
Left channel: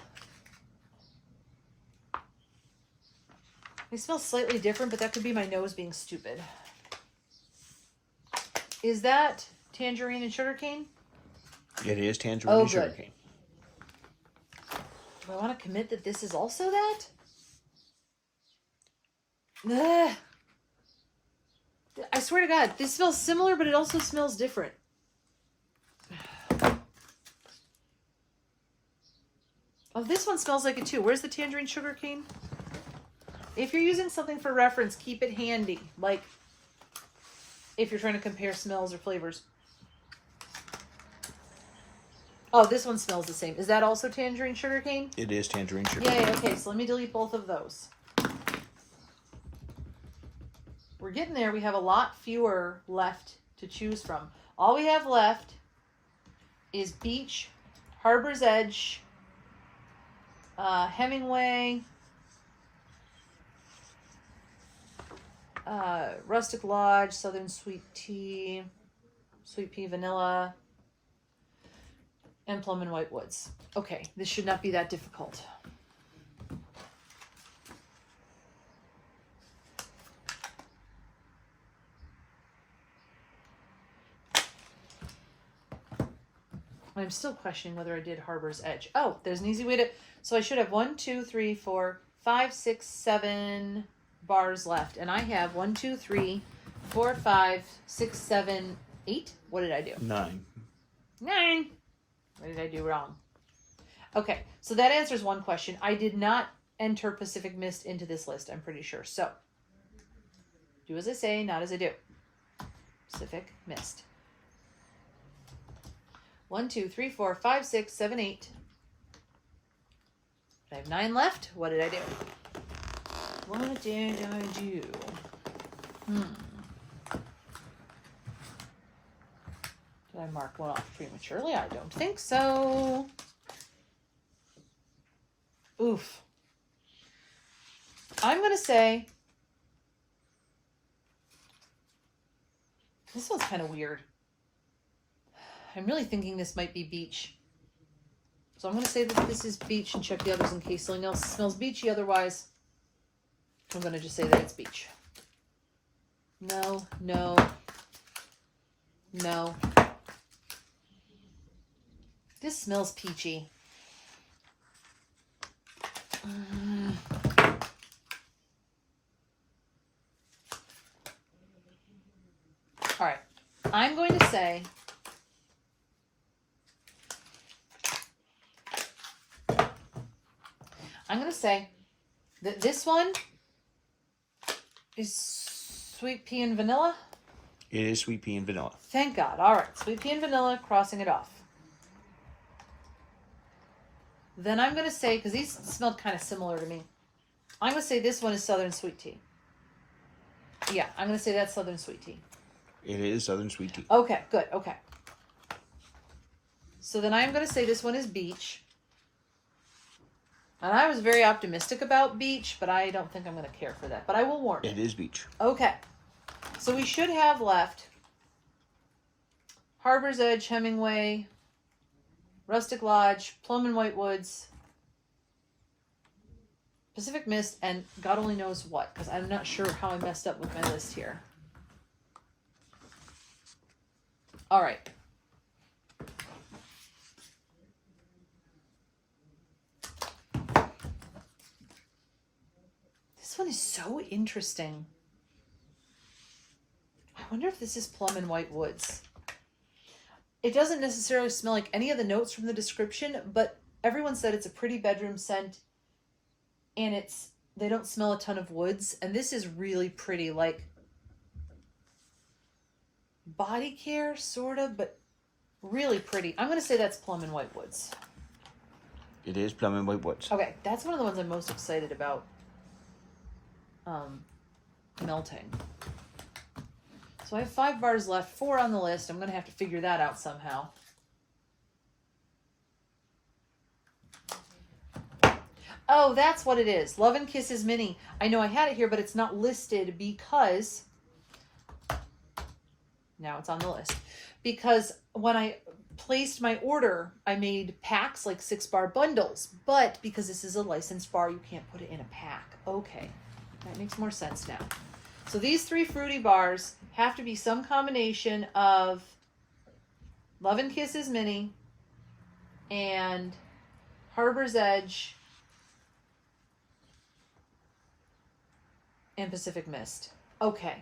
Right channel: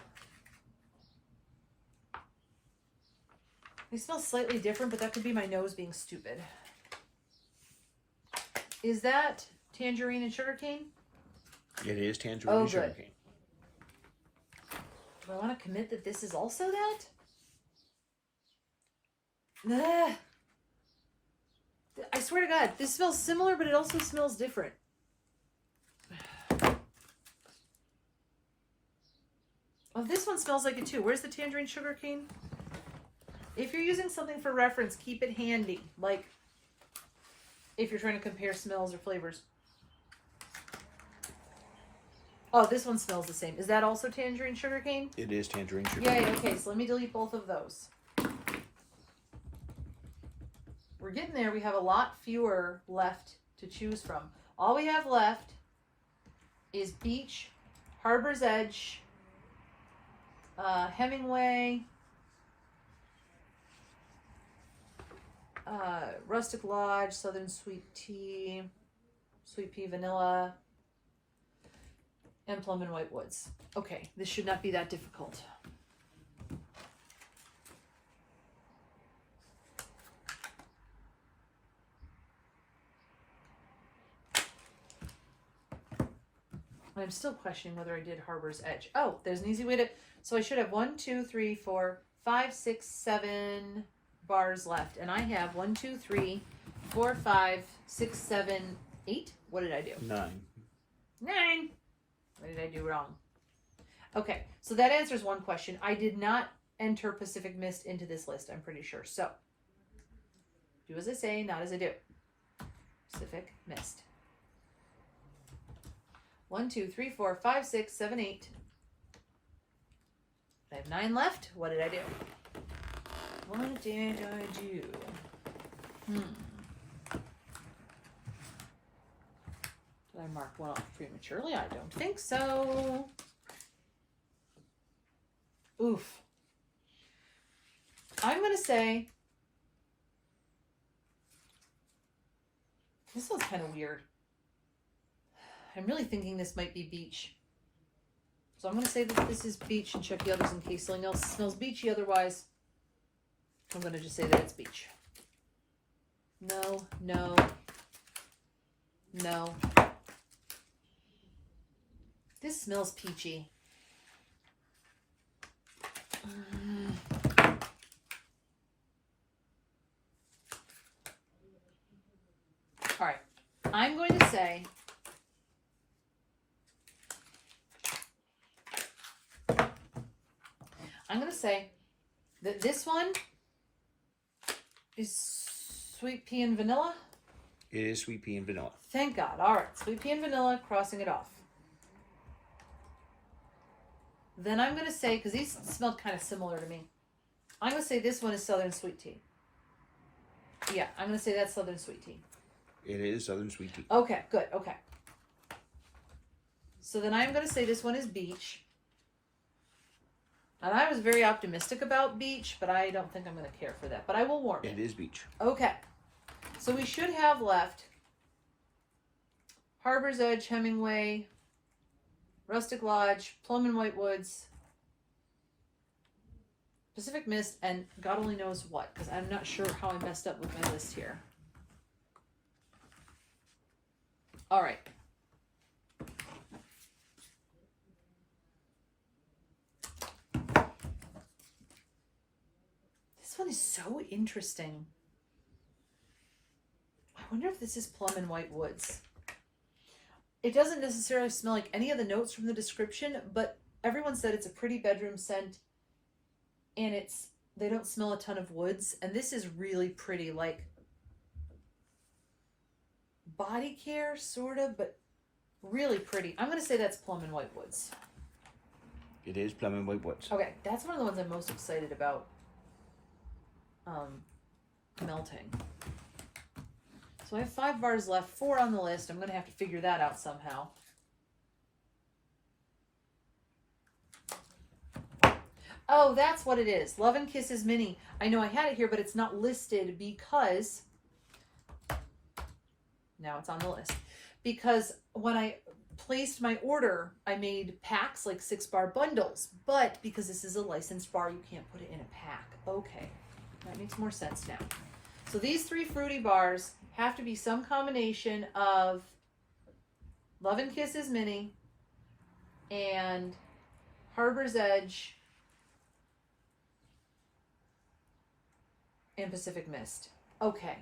They smell slightly different, but that could be my nose being stupid. Is that tangerine and sugarcane? It is tangerine and sugarcane. Do I want to commit that this is also that? Ugh. I swear to God, this smells similar, but it also smells different. Oh, this one smells like it too. Where's the tangerine sugarcane? If you're using something for reference, keep it handy. Like, if you're trying to compare smells or flavors. Oh, this one smells the same. Is that also tangerine sugarcane? It is tangerine sugarcane. Yay, okay, so let me delete both of those. We're getting there. We have a lot fewer left to choose from. All we have left is Beach, Harbor's Edge, Hemingway, Rustic Lodge, Southern Sweet Tea, Sweet Pea Vanilla, and Plum and White Woods. Okay, this should not be that difficult. I'm still questioning whether I did Harbor's Edge. Oh, there's an easy way to... So I should have 1, 2, 3, 4, 5, 6, 7 bars left. And I have 1, 2, 3, 4, 5, 6, 7, 8. What did I do? 9. 9. What did I do wrong? Okay, so that answers one question. I did not enter Pacific Mist into this list, I'm pretty sure. So, do as I say, not as I do. Pacific Mist. 1, 2, 3, 4, 5, 6, 7, 8. I have 9 left. What did I do? What did I do? Did I mark one off prematurely? I don't think so. Oof. I'm going to say... This one's kind of weird. I'm really thinking this might be Beach. So I'm going to say that this is Beach and check the others in case something else smells beachy. Otherwise, I'm going to just say that it's Beach. No, no, no. This smells peachy. All right. I'm going to say... I'm going to say that this one is Sweet Pea and Vanilla. It is Sweet Pea and Vanilla. Thank God. All right. Sweet Pea and Vanilla, crossing it off. Then I'm going to say, because these smelled kind of similar to me, I'm going to say this one is Southern Sweet Tea. Yeah, I'm going to say that's Southern Sweet Tea. It is Southern Sweet Tea. Okay, good. Okay. So then I'm going to say this one is Beach. And I was very optimistic about beach, but I don't think I'm going to care for that. But I will warn you. It is beach. Okay. So we should have left Harbor's Edge, Hemingway, Rustic Lodge, Plum and White Woods, Pacific Mist, and God only knows what, because I'm not sure how I messed up with my list here. All right. This one is so interesting. I wonder if this is Plum and White Woods. It doesn't necessarily smell like any of the notes from the description, but everyone said it's a pretty bedroom scent, and they don't smell a ton of woods, and this is really pretty, like body care, sort of, but really pretty. I'm going to say that's Plum and White Woods. It is Plum and White Woods. Okay, that's one of the ones I'm most excited about melting. So I have 5 bars left, 4 on the list. I'm going to have to figure that out somehow. Oh, that's what it is. Love and Kisses Mini. I know I had it here, but it's not listed because... Now it's on the list. Because when I placed my order, I made packs, like 6-bar bundles. But because this is a licensed bar, you can't put it in a pack. Okay, that makes more sense now. So these 3 fruity bars have to be some combination of Love and Kisses Mini and Harbor's Edge and Pacific Mist. Okay.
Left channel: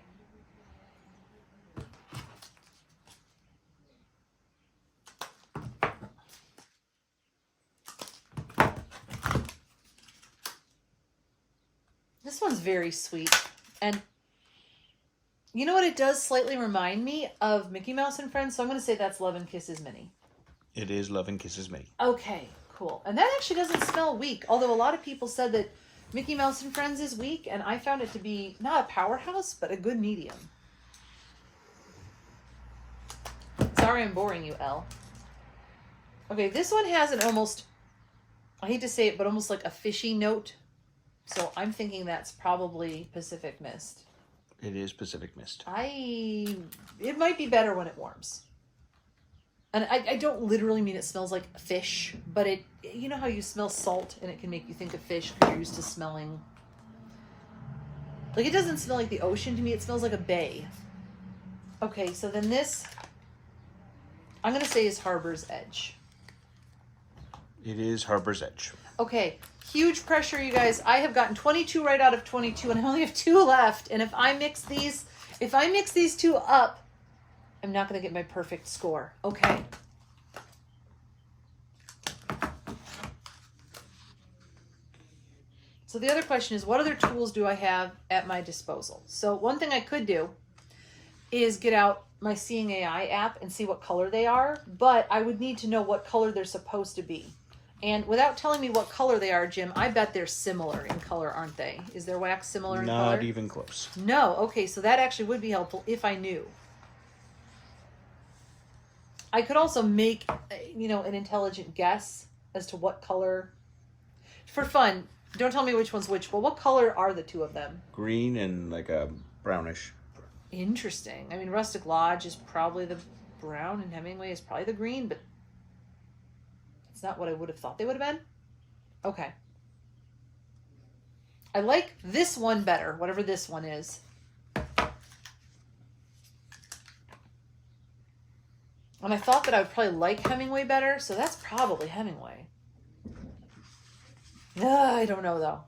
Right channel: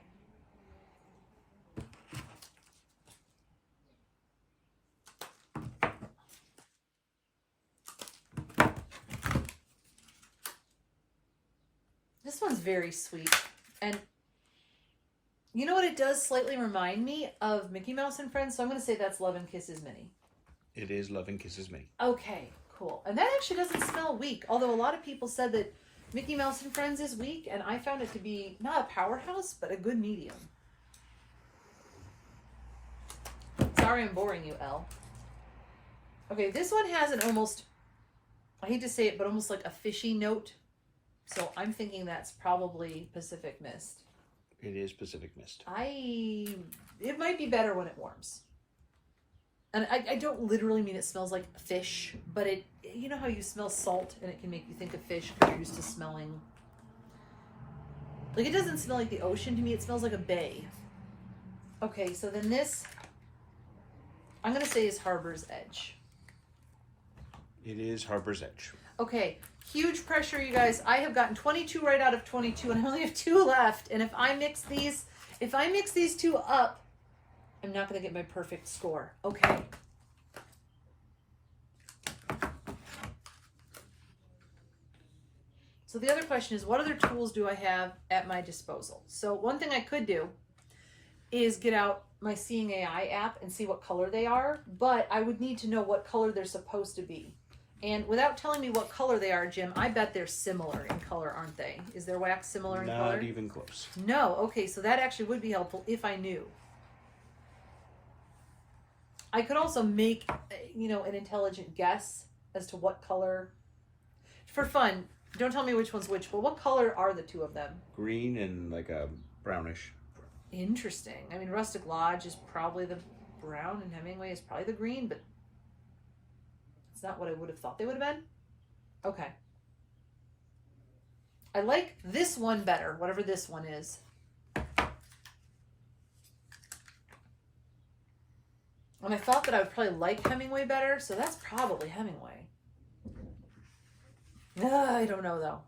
This one's very sweet. And you know what it does slightly remind me of Mickey Mouse and Friends? So I'm going to say that's Love and Kisses Mini. It is Love and Kisses Mini. Okay, cool. And that actually doesn't smell weak. Although a lot of people said that Mickey Mouse and Friends is weak. And I found it to be not a powerhouse, but a good medium. Sorry I'm boring you, Elle. Okay, this one has an almost, I hate to say it, but almost like a fishy note. So I'm thinking that's probably Pacific Mist. It is Pacific Mist. It might be better when it warms. And I don't literally mean it smells like fish, but you know how you smell salt and it can make you think of fish because you're used to smelling. Like, it doesn't smell like the ocean to me, it smells like a bay. Okay, so then this, I'm going to say is Harbor's Edge. It is Harbor's Edge. Okay, huge pressure, you guys. I have gotten 22 right out of 22, and I only have 2 left. And if I mix these 2 up, I'm not going to get my perfect score. Okay. So the other question is, what other tools do I have at my disposal? So one thing I could do is get out my Seeing AI app and see what color they are, but I would need to know what color they're supposed to be. And without telling me what color they are, Jim, I bet they're similar in color, aren't they? Is their wax similar in color? Not even close. No. Okay, so that actually would be helpful if I knew. I could also make, an intelligent guess as to what color. For fun, don't tell me which one's which, but what color are the 2 of them? Green and like a brownish. Interesting. I mean, Rustic Lodge is probably the brown and Hemingway is probably the green, but it's not what I would have thought they would have been. Okay. I like this one better, whatever this one is. And I thought that I would probably like Hemingway better, so that's probably Hemingway. I don't know, though.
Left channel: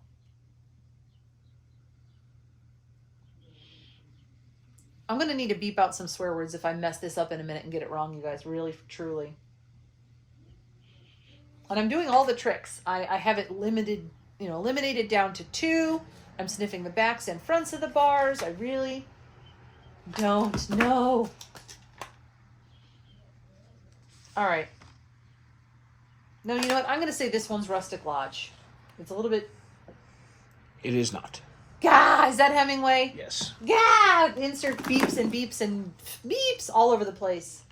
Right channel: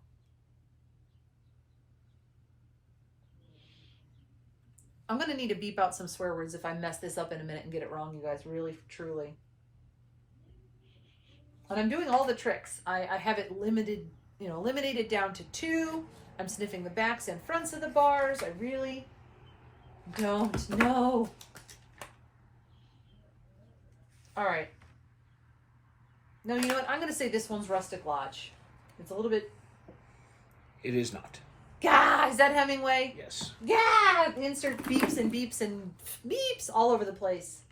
I'm going to need to beep out some swear words if I mess this up in a minute and get it wrong, you guys. Really, truly. And I'm doing all the tricks. I have it limited, eliminated down to 2. I'm sniffing the backs and fronts of the bars. I really don't know. All right. No, you know what? I'm going to say this one's Rustic Lodge. It's a little bit... It is not. Gah! Is that Hemingway? Yes. Gah! Insert beeps and beeps and beeps all over the place.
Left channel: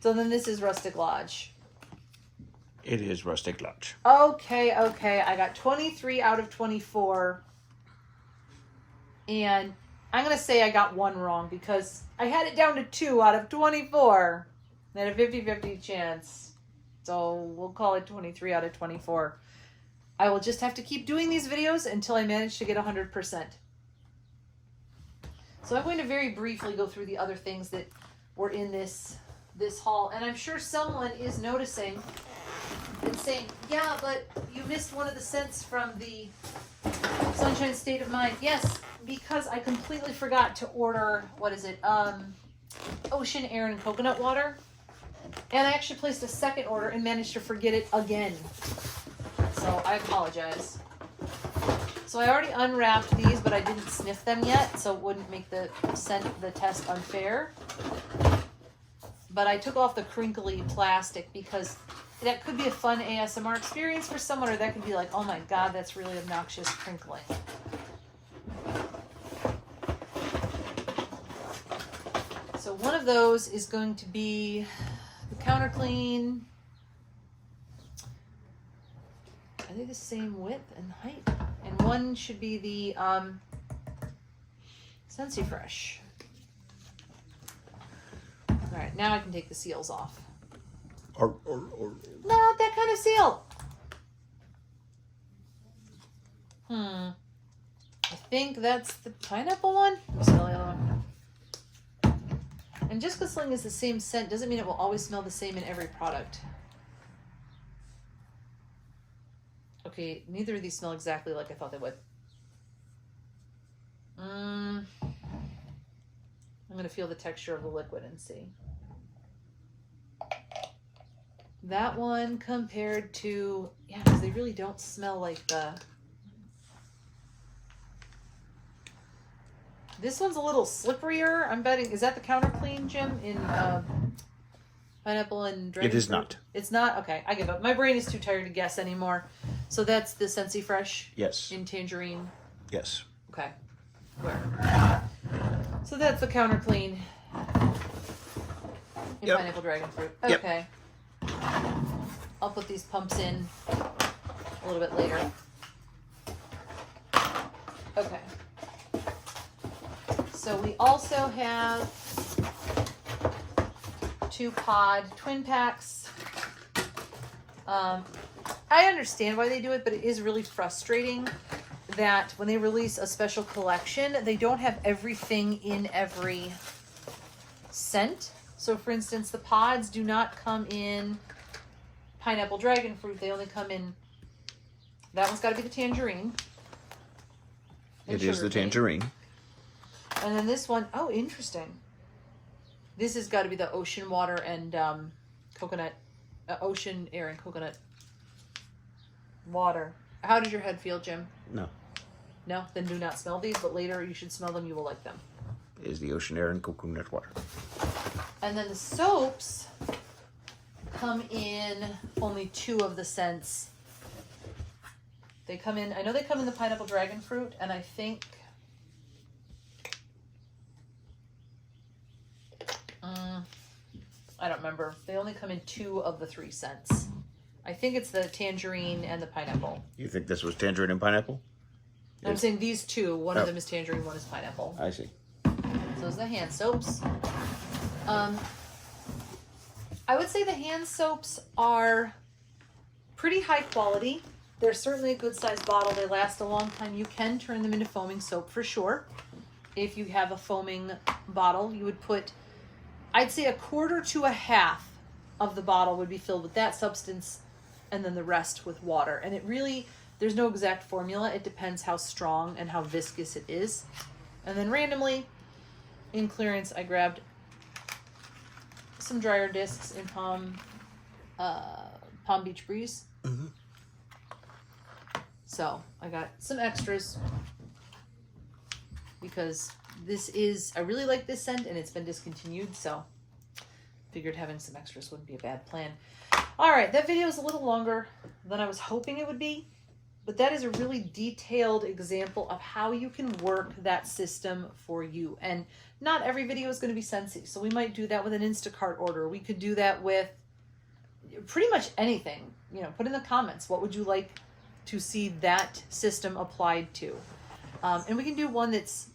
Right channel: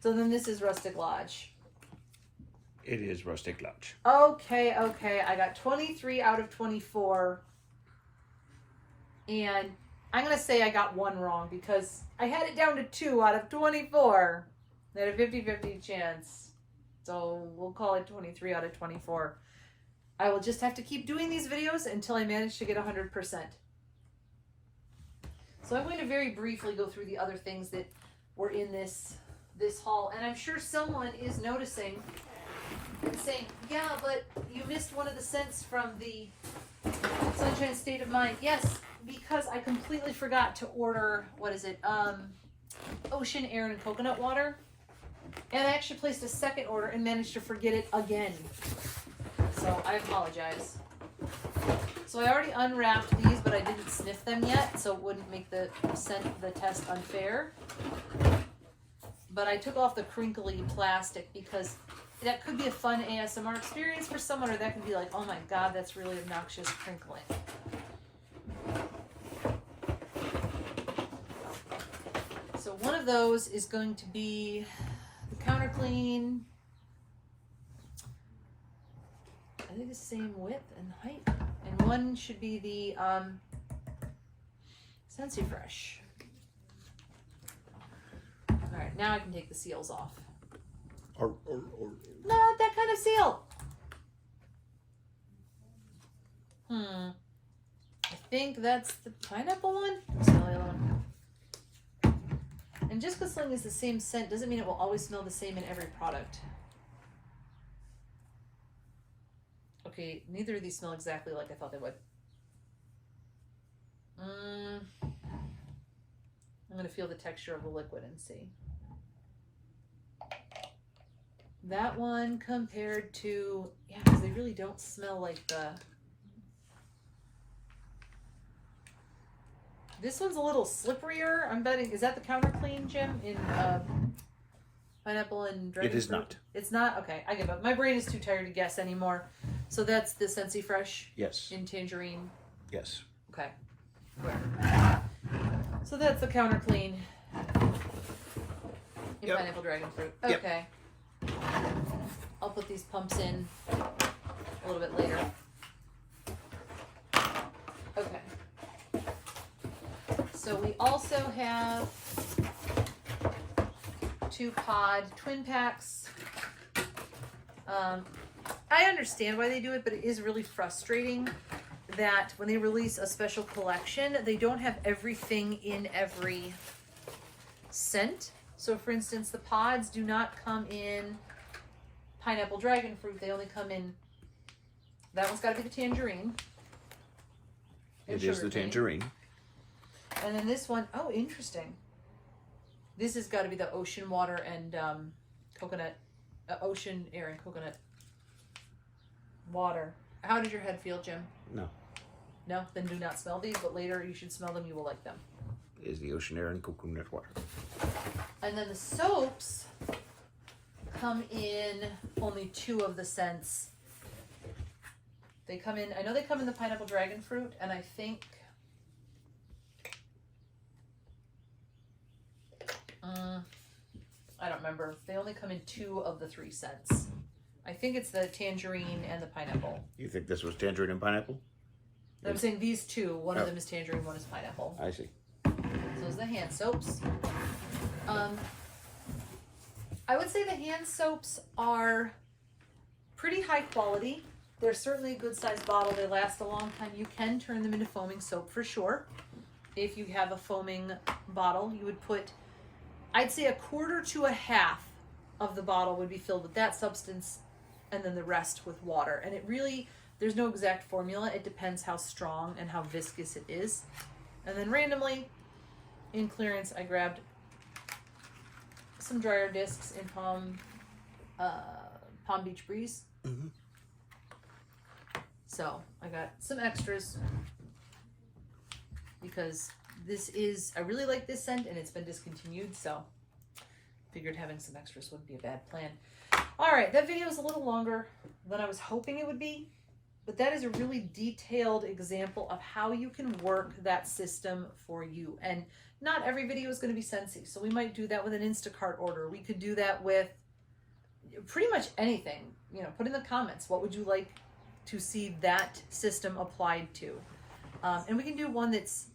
So then this is Rustic Lodge. It is rustic lunch. Okay, I got 23 out of 24. And I'm going to say I got one wrong because I had it down to 2 out of 24. I had a 50-50 chance. So we'll call it 23 out of 24. I will just have to keep doing these videos until I manage to get 100%. So I'm going to very briefly go through the other things that were in this haul. And I'm sure someone is noticing and saying, yeah, but you missed one of the scents from the Sunshine State of Mind. Yes, because I completely forgot to order, what is it, ocean air and coconut water. And I actually placed a second order and managed to forget it again. So I apologize. So I already unwrapped these, but I didn't sniff them yet, so it wouldn't make the test unfair. But I took off the crinkly plastic because that could be a fun ASMR experience for someone, or that could be like, oh my god, that's really obnoxious crinkling. So one of those is going to be the counter clean. Are they the same width and height? And one should be the Scentsy Fresh. Alright, now I can take the seals off. Not that kind of seal. I think that's the pineapple one. Smell the other one. And just because something is the same scent doesn't mean it will always smell the same in every product. Okay, neither of these smell exactly like I thought they would. I'm going to feel the texture of the liquid and see. That one compared to, yeah, because they really don't smell like the... This one's a little slipperier. I'm betting, is that the counter clean, Jim, in pineapple and dragon It is fruit? not. It's not? Okay, I give up. My brain is too tired to guess anymore. So that's the Scentsy Fresh? Yes. In tangerine? Yes. Okay. Where? So that's the counter clean in pineapple dragon fruit. Okay. Yep. I'll put these pumps in a little bit later. Okay. So we also have 2 pod twin packs. I understand why they do it, but it is really frustrating that when they release a special collection, they don't have everything in every scent. So for instance, the pods do not come in pineapple dragon fruit. They only come in, that one's got to be the tangerine. It is the tangerine. And then this one, oh, interesting. This has got to be the ocean water and coconut, ocean air and coconut water. How did your head feel, Jim? No. No? Then do not smell these, but later you should smell them. You will like them. It is the ocean air and coconut water. And then the soaps come in only 2 of the scents. They come in, I know they come in the pineapple dragon fruit, and I think I don't remember. They only come in 2 of the 3 scents. I think it's the tangerine and the pineapple. You think this was tangerine and pineapple? No, I'm saying these 2. One of them is tangerine, one is pineapple. I see. So those are the hand soaps. I would say the hand soaps are pretty high quality. They're certainly a good sized bottle. They last a long time. You can turn them into foaming soap for sure. If you have a foaming bottle, you would put, I'd say 1/4 to 1/2 of the bottle would be filled with that substance, and then the rest with water. And it really, there's no exact formula. It depends how strong and how viscous it is. And then randomly, in clearance, I grabbed some dryer discs in Palm Beach Breeze. Mm-hmm. So I got some extras because this is, I really like this scent and it's been discontinued, so figured having some extras wouldn't be a bad plan. All right, that video is a little longer than I was hoping it would be, but that is a really detailed example of how you can work that system for you. And not every video is going to be Scentsy, so we might do that with an Instacart order. We could do that with pretty much anything. You know, put in the comments, what would you like to see that system applied to? And we can do one that's,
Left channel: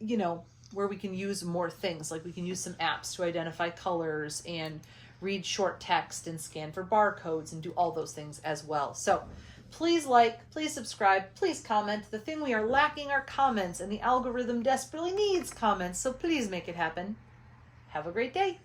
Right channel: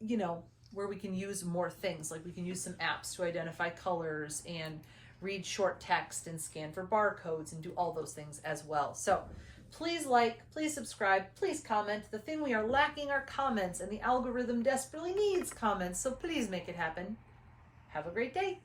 you know, where we can use more things. Like we can use some apps to identify colors and read short text and scan for barcodes and do all those things as well. So please like, please subscribe, please comment. The thing we are lacking are comments, and the algorithm desperately needs comments, so please make it happen. Have a great day.